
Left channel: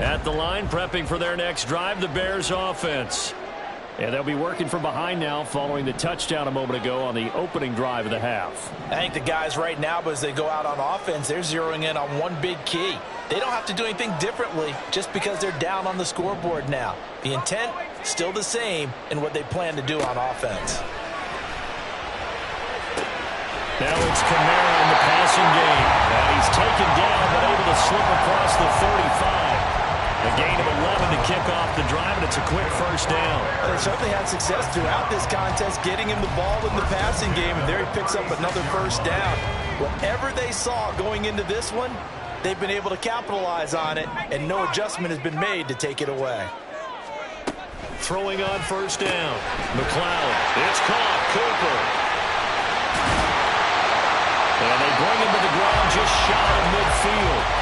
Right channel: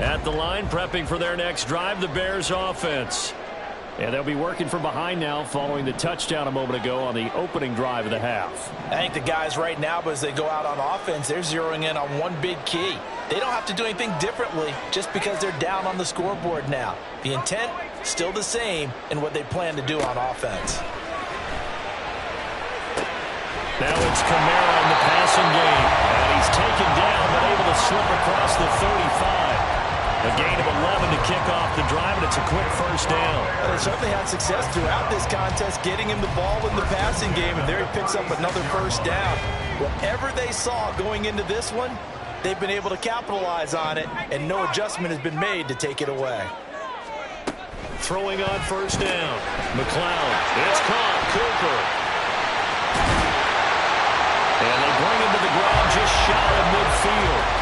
At the line, prepping for their next drive, the Bears offense. And they'll be working from behind now following the touchdown a moment ago on the opening drive of the half. I think the guys right now, as they go out on offense, they're zeroing in on one big key. They don't have to do anything differently just because they're down on the scoreboard now. The intent, still the same in what they plan to do on offense. Now it's Kamara in the passing game. And he's taken down but able to slip across the 35. A gain of 11 to kick off the drive, and it's a quick first down. They certainly had success throughout this contest getting him the ball in the passing game, and there he picks up another first down. Whatever they saw going into this one, they've been able to capitalize on it, and no adjustment has been made to take it away. Throwing on first down. McLeod. It's caught. Cooper. And they bring him to the ground just shy of midfield.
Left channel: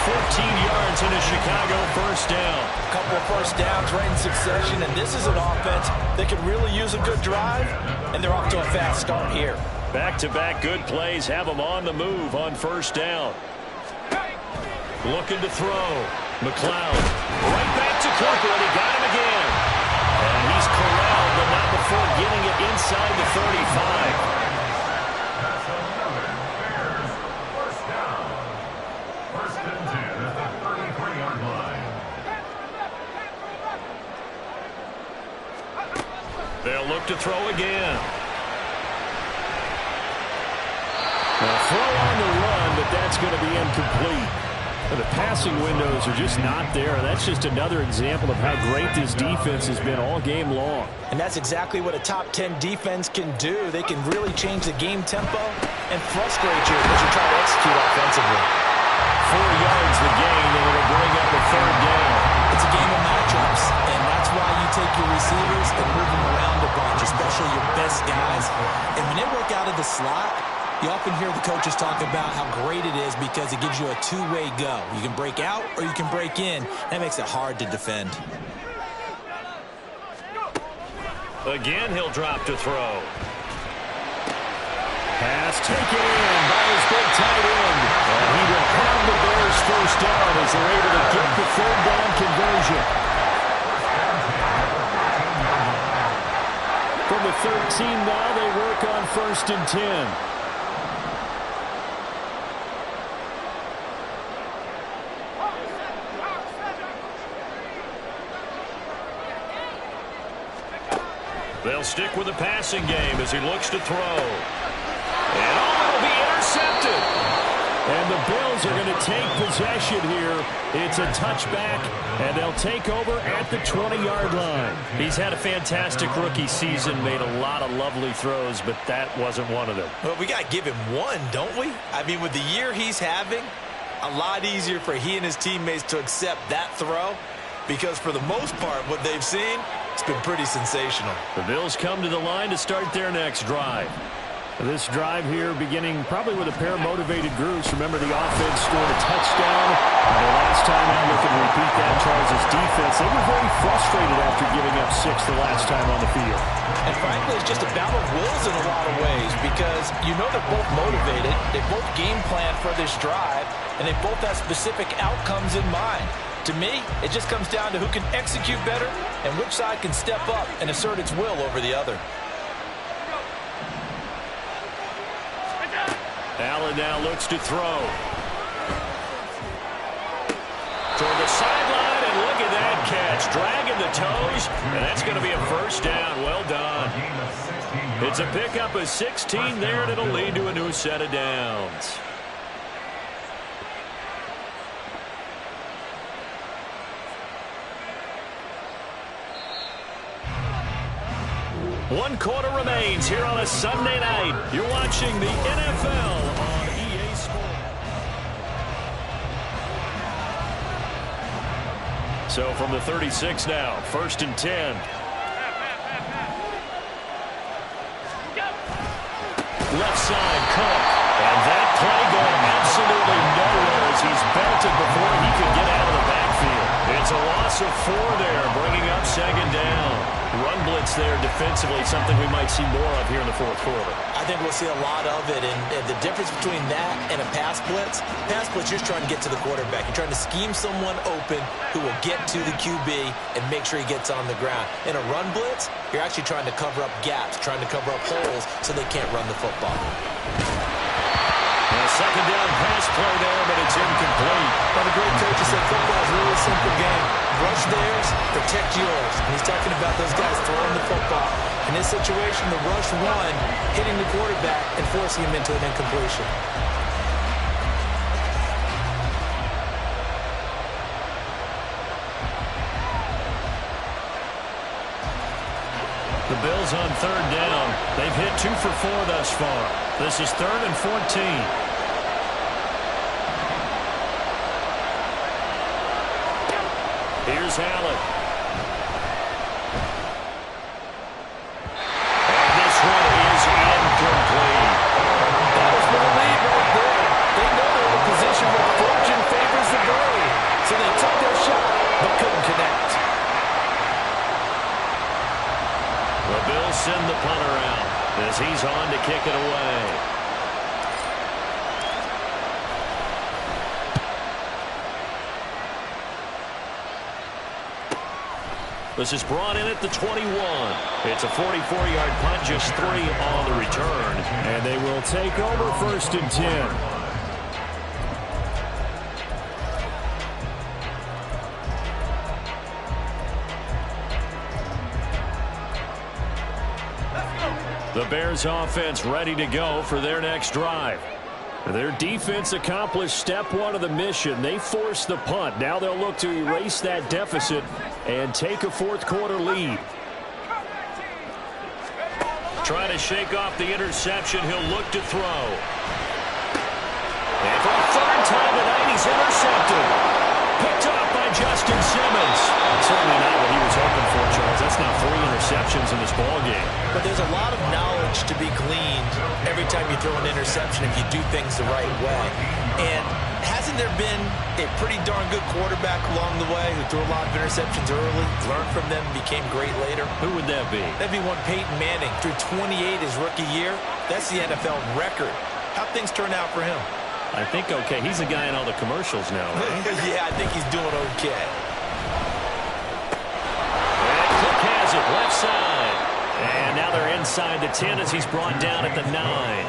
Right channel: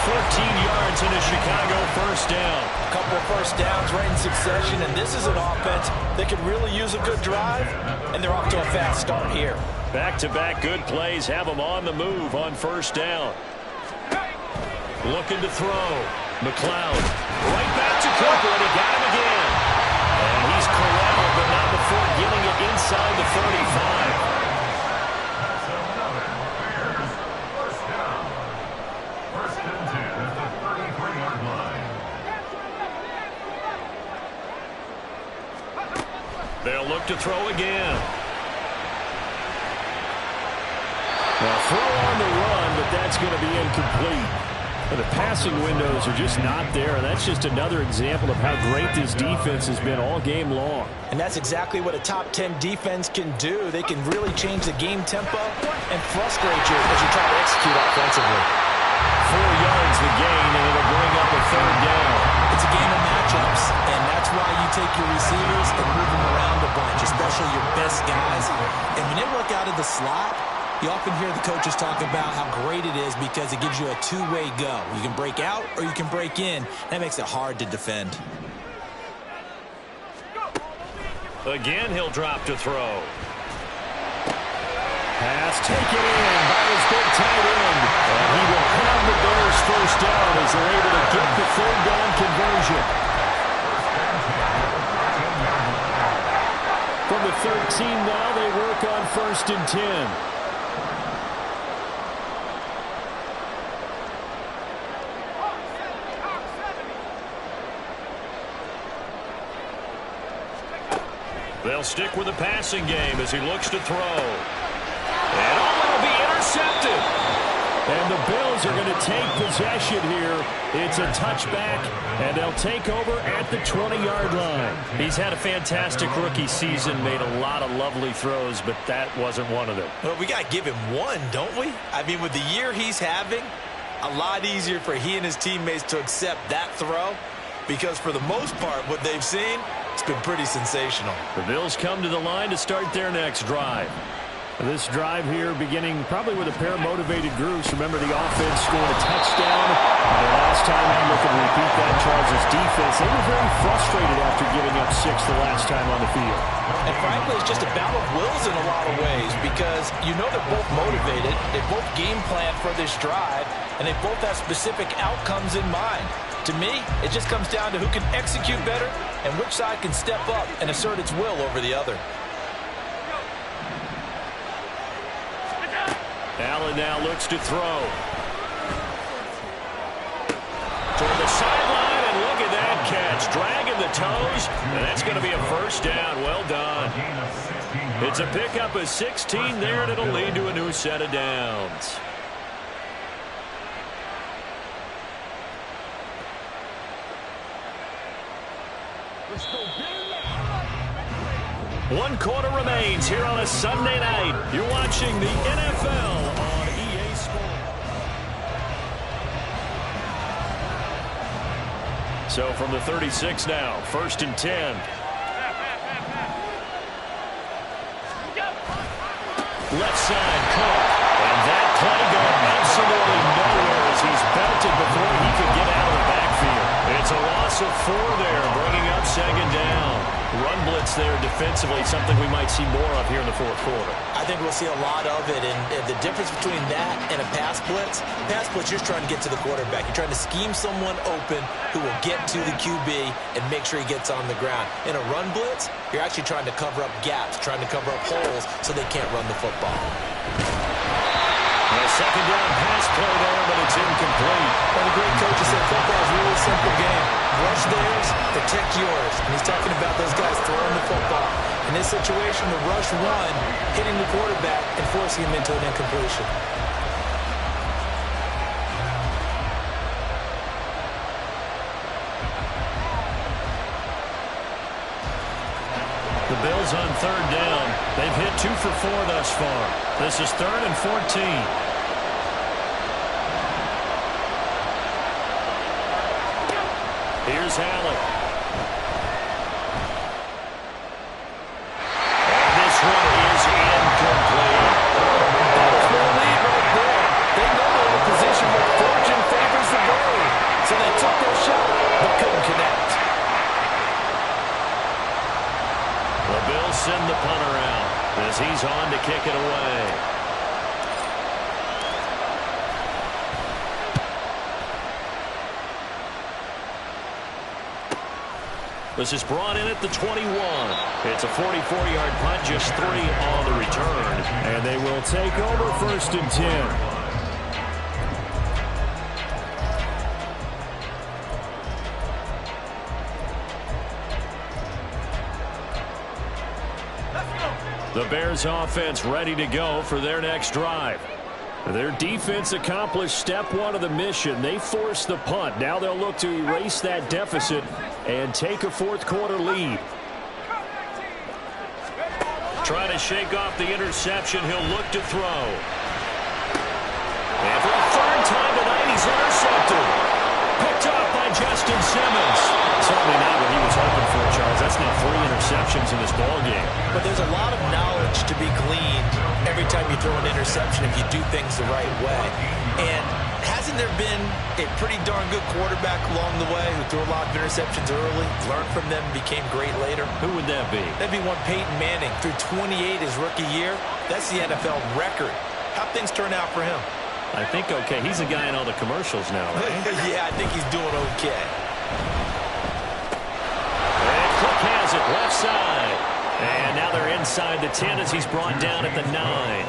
14 yards and a Chicago first down. A couple of first downs right in succession, and this is an offense that could really use a good drive, and they're off to a fast start here. Back-to-back good plays have them on the move on first down. Looking to throw. McLeod. Right back to Cooper, and he got him again. And he's corralled, but not before getting it inside the 35. They'll look to throw again. Now throw on the run, but that's going to be incomplete. The passing windows are just not there, and that's just another example of how great this defense has been all game long. And that's exactly what a top 10 defense can do. They can really change the game tempo and frustrate you as you try to execute offensively. 4 yards the gain, and it'll bring up a third down. It's a game of matchups, and that's why you take your receivers and move them around a bunch, especially your best guys. And when they work out of the slot, you often hear the coaches talk about how great it is because it gives you a two-way go. You can break out or you can break in. That makes it hard to defend. Again, he'll drop to throw. Pass taken in by his big tight end. And he will have the Bears first down as they're able to get the third down conversion. From the 13 now, they work on 1st and 10. They'll stick with the passing game as he looks to throw. And it'll be intercepted. And the Bills are going to take possession here. It's a touchback, and they'll take over at the 20-yard line. He's had a fantastic rookie season, made a lot of lovely throws, but that wasn't one of them. Well, we got to give him one, don't we? I mean, with the year he's having, a lot easier for he and his teammates to accept that throw because for the most part, what they've seen, it's been pretty sensational. The Bills come to the line to start their next drive. This drive here beginning probably with a pair of motivated groups. Remember, the offense scored a touchdown. Their last time out, looking to repeat that. Charles' defense, they were very frustrated after giving up 6 the last time on the field. And frankly, it's just a battle of wills in a lot of ways because you know they're both motivated. They both game plan for this drive, and they both have specific outcomes in mind. To me, it just comes down to who can execute better and which side can step up and assert its will over the other. Allen now looks to throw. Toward the sideline, and look at that catch. Dragging the toes, and that's going to be a first down. Well done. It's a pickup of 16 there, and it'll lead to a new set of downs. One quarter remains here on a Sunday night. You're watching the NFL on EA Sports. So from the 36 now, 1st and 10. Left side, Cook. And that play going absolutely nowhere as he's belted before he could get out of the backfield. It's a loss of 4 there, bringing up 2nd down. Run blitz there defensively, something we might see more of here in the 4th quarter. I think we'll see a lot of it, and the difference between that and a pass blitz, you're just trying to get to the quarterback. You're trying to scheme someone open who will get to the QB and make sure he gets on the ground. In a run blitz, you're actually trying to cover up gaps, trying to cover up holes so they can't run the football. A 2nd down pass play there, but it's incomplete. Well, the great coach has said football is a really simple game. Rush theirs, protect yours. And he's talking about those guys throwing the football. In this situation, the rush one, hitting the quarterback and forcing him into an incompletion. The Bills on 3rd down. They've hit 2 for 4 thus far. This is 3rd and 14. Here's Allen. And this one is incomplete. That was no lead right there. They know they're in a position where fortune favors the brave. So they took their shot, but couldn't connect. The Bills send the punter out as he's on to kick it away. This is brought in at the 21. It's a 44-yard punt, just 3 on the return. And they will take over 1st and 10. The Bears offense ready to go for their next drive. Their defense accomplished step 1 of the mission. They forced the punt. Now they'll look to erase that deficit and take a 4th quarter lead. Trying to shake off the interception. He'll look to throw. And for a 3rd time tonight, he's intercepted. Picked off by Justin Simmons. Certainly not what he was hoping for, Charles. That's now 3 interceptions in this ballgame. But there's a lot of knowledge to be gleaned every time you throw an interception if you do things the right way. And hasn't there been a pretty darn good quarterback along the way who threw a lot of interceptions early, learned from them, and became great later? Who would that be? That'd be one Peyton Manning. Threw 28 his rookie year. That's the NFL record. How'd things turn out for him? I think okay. He's a guy in all the commercials now, right? Yeah, I think he's doing okay. And Cook has it left side. And now they're inside the 10 as he's brought down at the 9.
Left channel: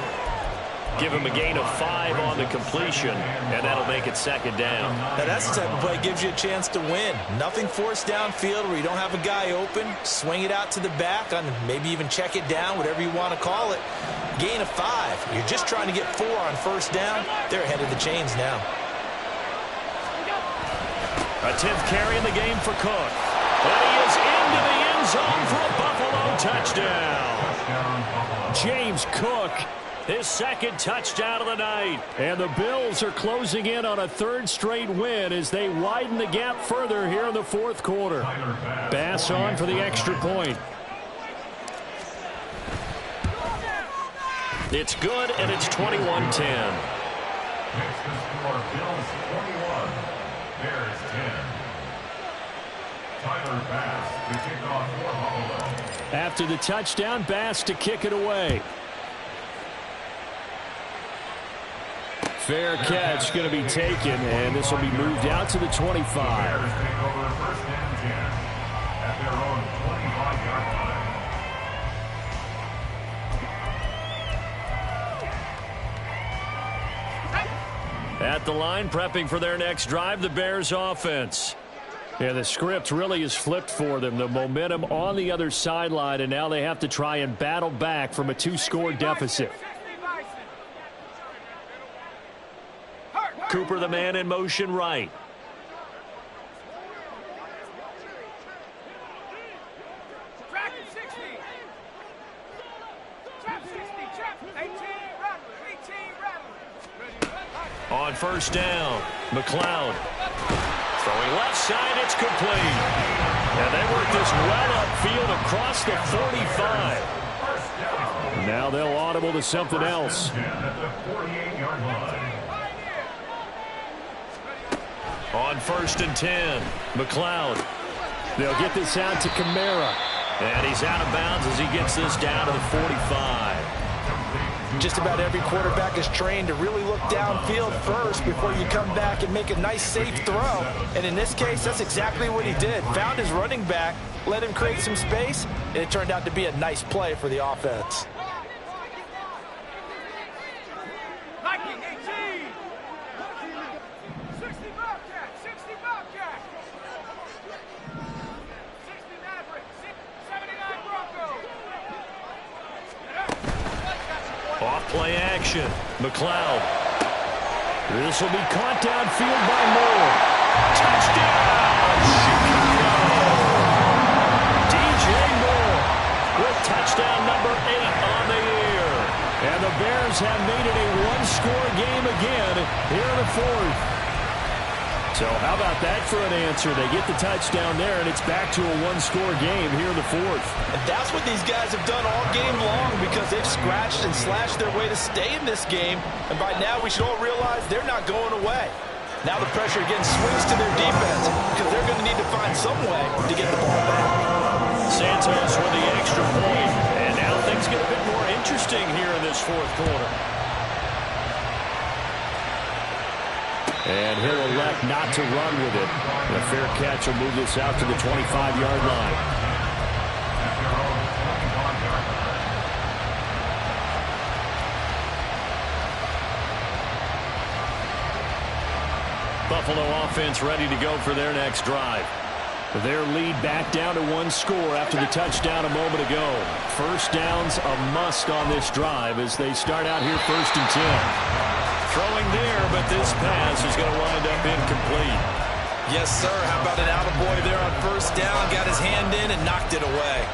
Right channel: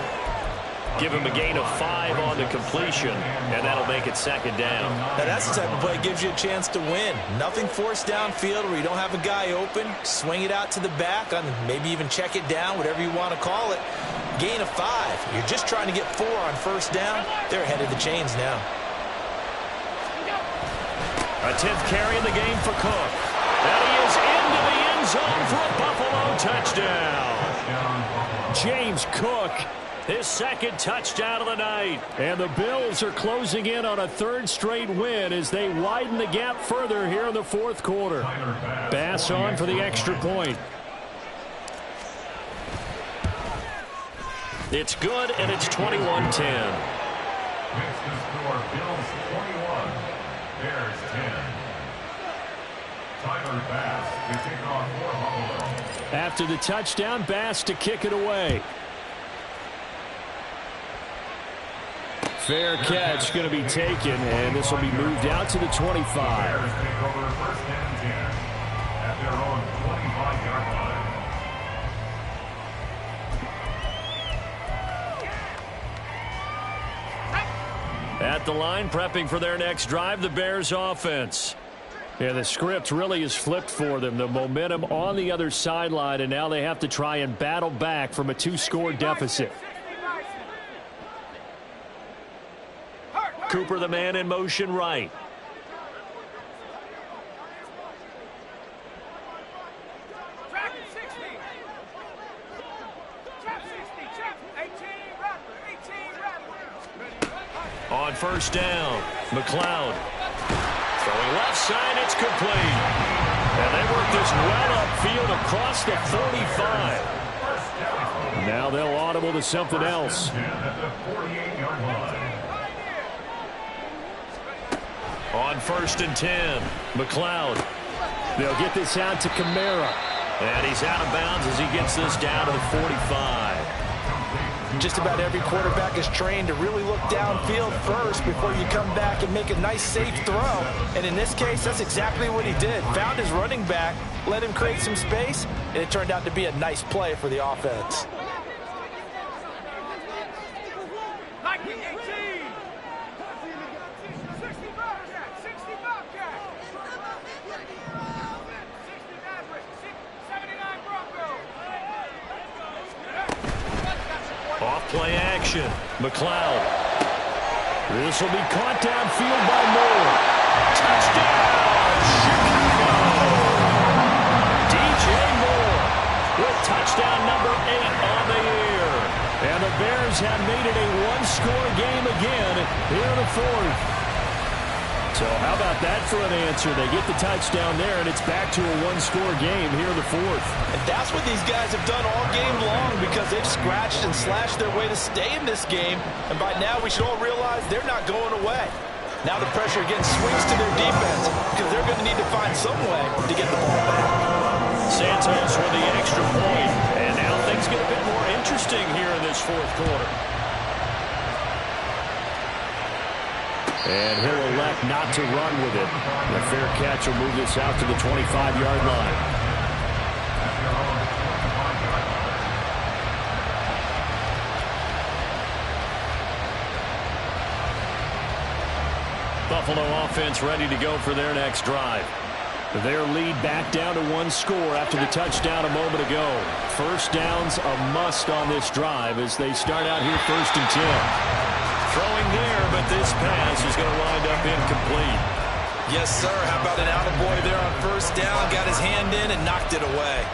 Give him a gain of 5 on the completion, and that'll make it 2nd down. Now that's the type of play that gives you a chance to win. Nothing forced downfield where you don't have a guy open. Swing it out to the back, on maybe even check it down, whatever you want to call it. Gain of 5. You're just trying to get 4 on 1st down. They're ahead of the chains now. A 10th carry in the game for Cook. And he is into the end zone for a Buffalo touchdown. James Cook, his 2nd touchdown of the night. And the Bills are closing in on a 3rd straight win as they widen the gap further here in the 4th quarter. Bass on for the extra point. It's good, and it's 21-10. Next to score, Bills 21, Bears 10. Tyler Bass to kick off for Buffalo. After the touchdown, Bass to kick it away. Fair catch going to be taken, and this will be moved out to the 25. Bears take over first and 10 at their own 25-yard line. At the line, prepping for their next drive, the Bears offense. Yeah, the script really is flipped for them. The momentum on the other sideline, and now they have to try and battle back from a 2-score deficit. Cooper, the man in motion right. Track 60. Trap 60. Trap 18. Rattler. 18. Rattler. On first down, McLeod. Throwing left side, it's complete. And they work this well upfield across the 45. Now they'll audible to something else. At the 48-yard line. On first and 10, McLeod. They'll get this out to Kamara. And he's out of bounds as he gets this down to the 45. Just about every quarterback is trained to really look downfield first before you come back and make a nice, safe throw. And in this case, that's exactly what he did. Found his running back, let him create some space, and it turned out to be a nice play for the offense. Viking 18. 60 Bobcat. 60 Bobcat. 60 Maverick. 79 Bronco. Off play action. McLeod. This will be caught downfield by Moore. Touchdown, Chicago! DJ Moore with touchdown number 8 on the year. And the Bears have made it a 1-score game again here in the 4th. So how about that for an answer? They get the touchdown there, and it's back to a 1-score game here in the 4th. And that's what these guys have done all game long because they've scratched and slashed their way to stay in this game. And by now, we should all realize they're not going away. Now the pressure again swings to their defense because they're going to need to find some way to get the ball back. Santos with the extra point. And now things get a bit more interesting here in this 4th quarter. And he'll elect not to run with it. And a fair catch will move this out to the 25-yard line. Buffalo offense ready to go for their next drive. Their lead back down to 1 score after the touchdown a moment ago. First down's a must on this drive as they start out here 1st and 10. Throwing there, but this pass is going to wind up incomplete. Yes, sir. How about an attaboy there on first down? Got his hand in and knocked it away.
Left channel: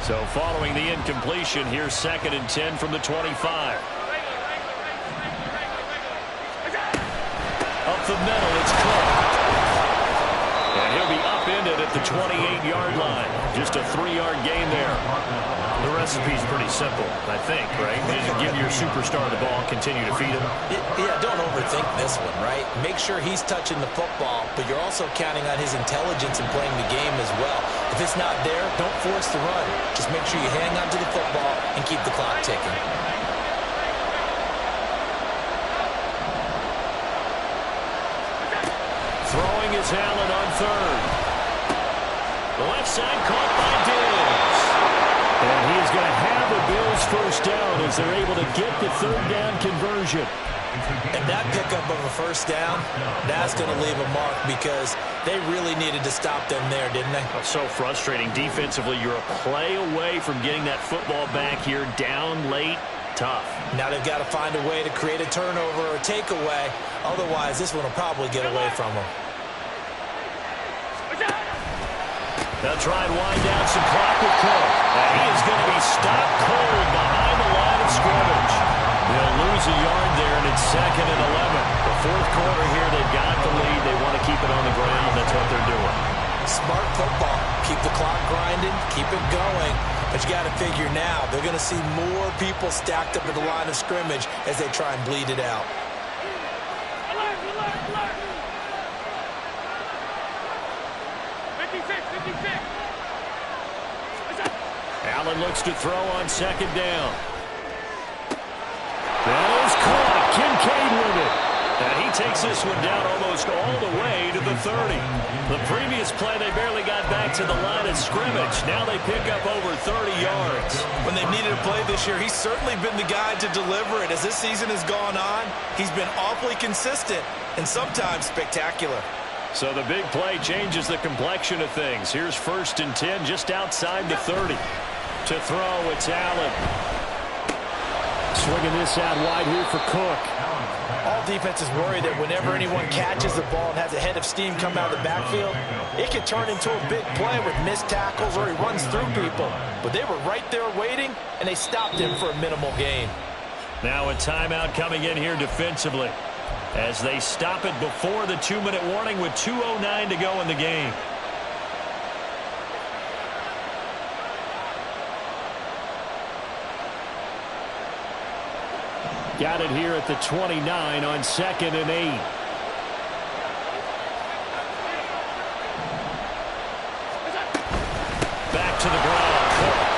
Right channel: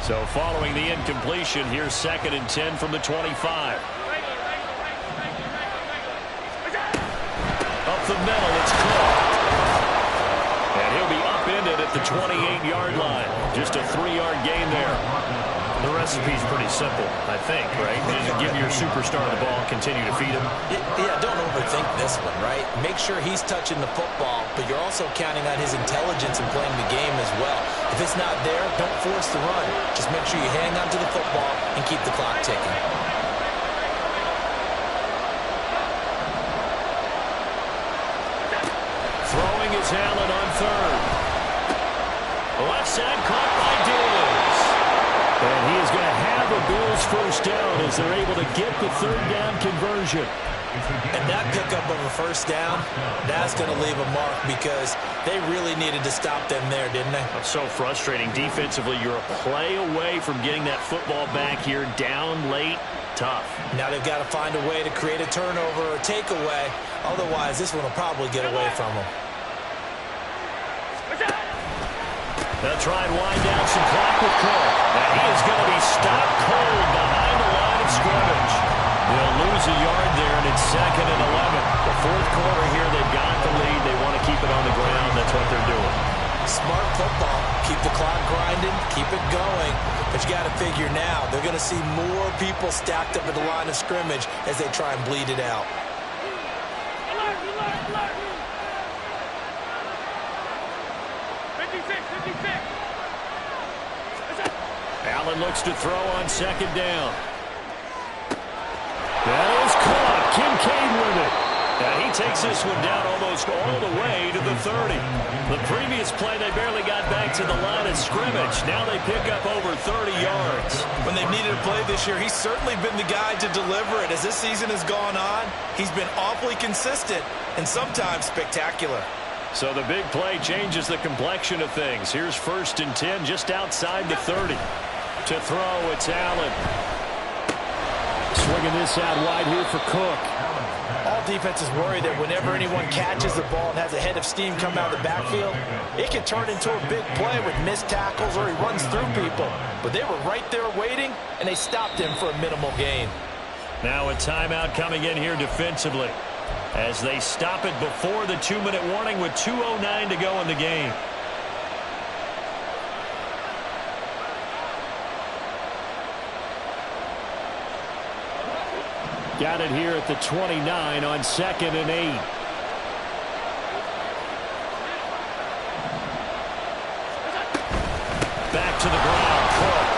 So following the incompletion, here's 2nd and 10 from the 25. Up the middle, it's Cook. And he'll be upended at the 28-yard line. Just a 3-yard gain there. The recipe's pretty simple, I think, right? Just give your superstar the ball, continue to feed him. Yeah, don't overthink this one, right? Make sure he's touching the football, but you're also counting on his intelligence in playing the game as well. If it's not there, don't force the run. Just make sure you hang on to the football and keep the clock ticking. Throwing is Allen on 3rd. The left side caught by Diggs. And he is going to have a Bills first down as they're able to get the 3rd down conversion. And that pickup of a first down, that's going to leave a mark because they really needed to stop them there, didn't they? That's so frustrating. Defensively, you're a play away from getting that football back here down late. Tough. Now they've got to find a way to create a turnover or takeaway. Otherwise, this one will probably get away from them. They'll try and wind down some clock with Cook. And he is going to be stopped cold behind the line of scrimmage. They'll lose a yard there, and it's 2nd and 11. The fourth quarter here, they've got the lead. They want to keep it on the ground. That's what they're doing. Smart football. Keep the clock grinding, keep it going. But you got to figure now, they're going to see more people stacked up at the line of scrimmage as they try and bleed it out. Alert, alert, alert. 56, 56. Allen looks to throw on 2nd down. That is caught. Kincaid with it. And he takes this one down almost all the way to the 30. The previous play, they barely got back to the line of scrimmage. Now they pick up over 30 yards. When they've needed a play this year, he's certainly been the guy to deliver it. As this season has gone on, he's been awfully consistent and sometimes spectacular. So the big play changes the complexion of things. Here's 1st and 10 just outside the 30. To throw, it's Allen. Swinging this out wide here for Cook. All defenses worry that whenever anyone catches the ball and has a head of steam come out of the backfield, it can turn into a big play with missed tackles or he runs through people. But they were right there waiting, and they stopped him for a minimal gain. Now a timeout coming in here defensively as they stop it before the 2-minute warning with 2:09 to go in the game. Got it here at the 29 on 2nd and 8. Back to the ground, Cook.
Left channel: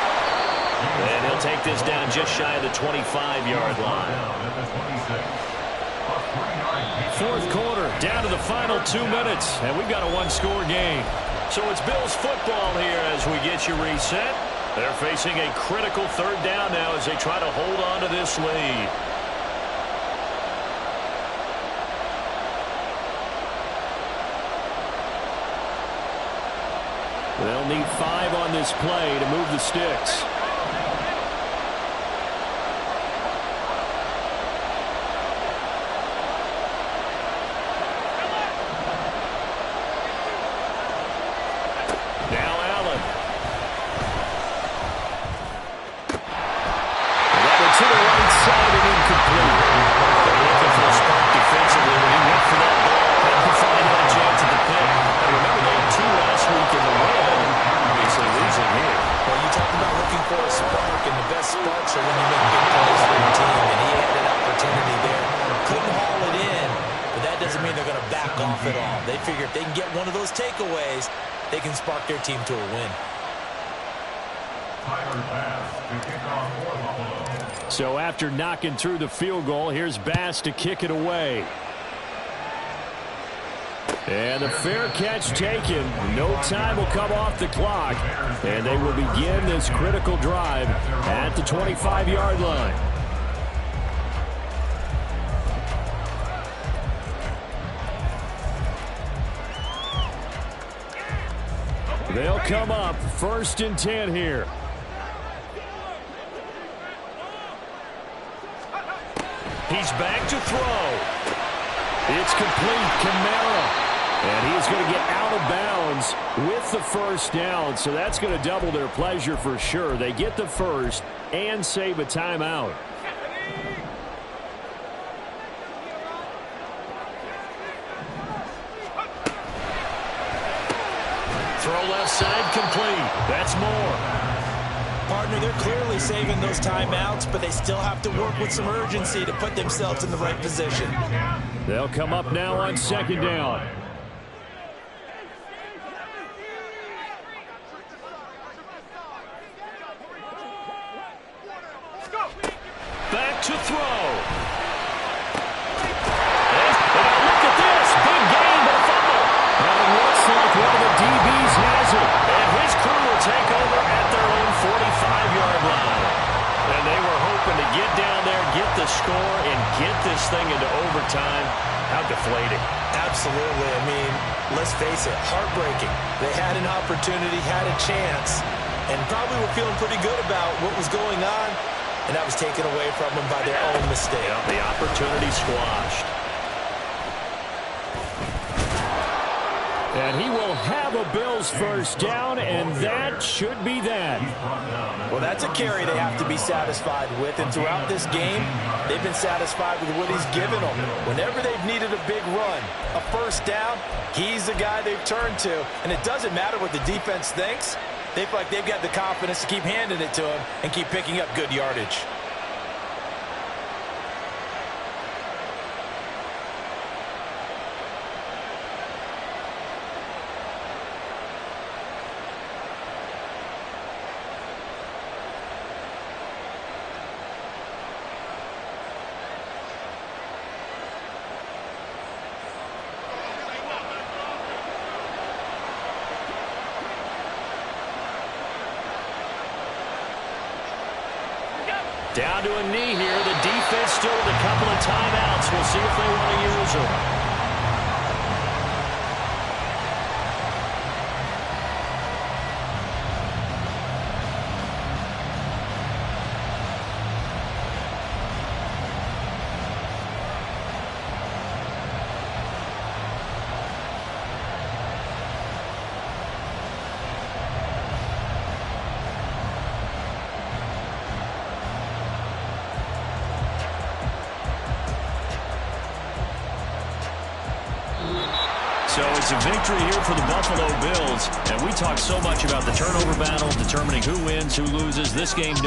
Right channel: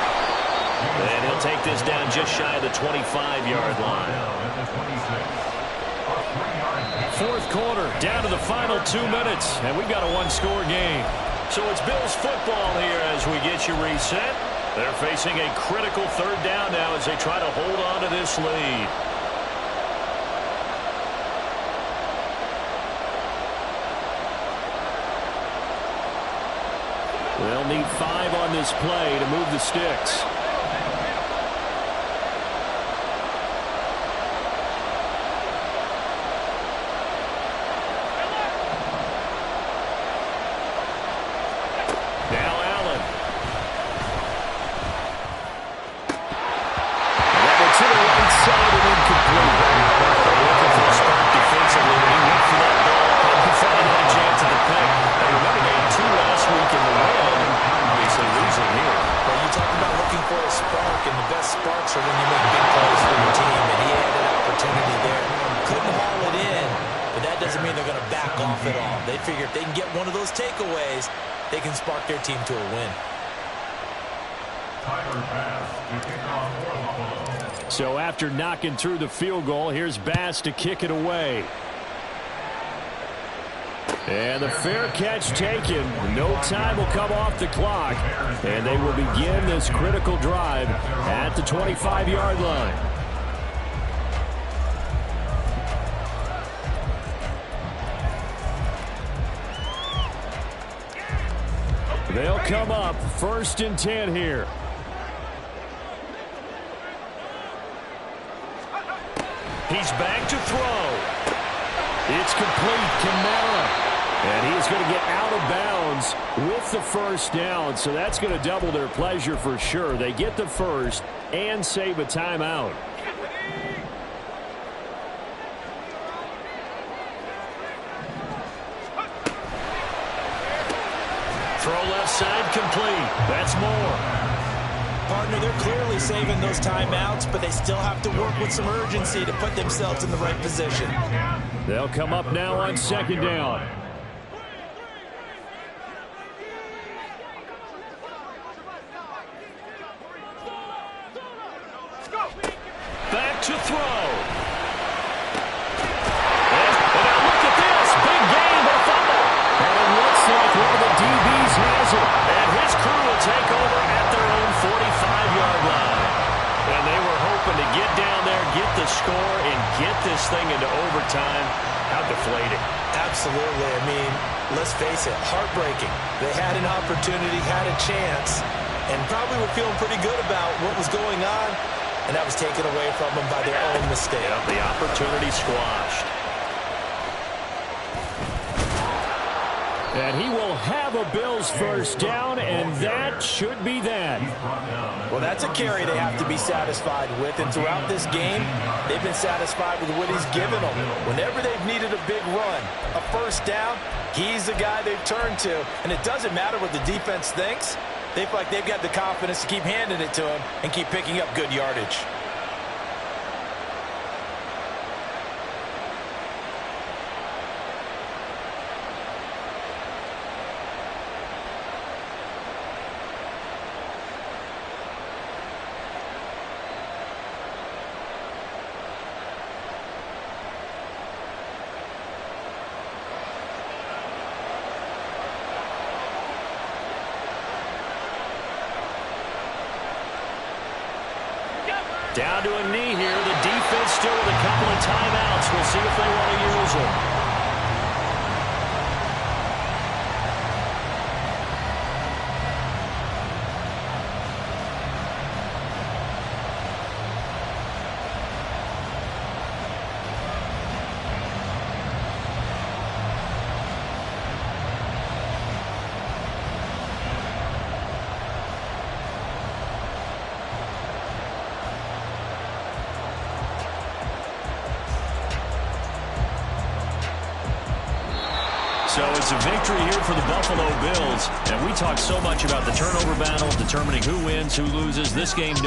And he'll take this down just shy of the 25-yard line. 4th quarter, down to the final 2 minutes, and we've got a one-score game. So it's Bills football here as we get you reset. They're facing a critical 3rd down now as they try to hold on to this lead. They'll need 5 on this play to move the sticks. Now Allen. And that one to the right side and incomplete. They're looking for a spark defensively when he went for that ball. And he thought he had a chance at the pick. And remember, they had 2 last week in the win. Obviously losing here. Well, you talked about looking for a spark, and the best sparks are when you make big plays for your team, and he had an opportunity there. Couldn't haul it in, but that doesn't mean they're going to back off at all. They figure if they can get one of those takeaways, they can spark their team to a win. So after knocking through the field goal, here's Bass to kick it away. And the fair catch taken. No time will come off the clock. And they will begin this critical drive at the 25-yard line. They'll come up 1st and 10 here. He's back to throw. It's complete. Kamara. And he is going to get out of bounds with the 1st down. So that's going to double their pleasure for sure. They get the 1st and save a timeout. Throw left side complete. That's more. Partner, they're clearly saving those timeouts, but they still have to work with some urgency to put themselves in the right position. They'll come up now on 2nd down. Back to throw. And now look at this. Big gain, but a fumble. And it looks like one of the DBs has it. And his crew will take over at their own 45-yard line. And they were hoping to get down there, get the score, and get this thing into overtime. How deflating. Absolutely. I mean, let's face it, heartbreaking. They had an opportunity, had a chance, and probably were feeling pretty good about what was going on. And that was taken away from them by their own mistake. Yeah, the opportunity squashed. And he will have a Bills first down, and that should be that. Well, that's a carry they have to be satisfied with, and throughout this game, they've been satisfied with what he's given them. Whenever they've needed a big run, a first down, he's the guy they've turned to, and it doesn't matter what the defense thinks. They feel like they've got the confidence to keep handing it to him and keep picking up good yardage. Down to a knee here. The defense still with a couple of timeouts. We'll see if they want to use them. So it's a victory here for the Buffalo Bills. And we talk so much about the turnover battle, determining who wins, who loses. This game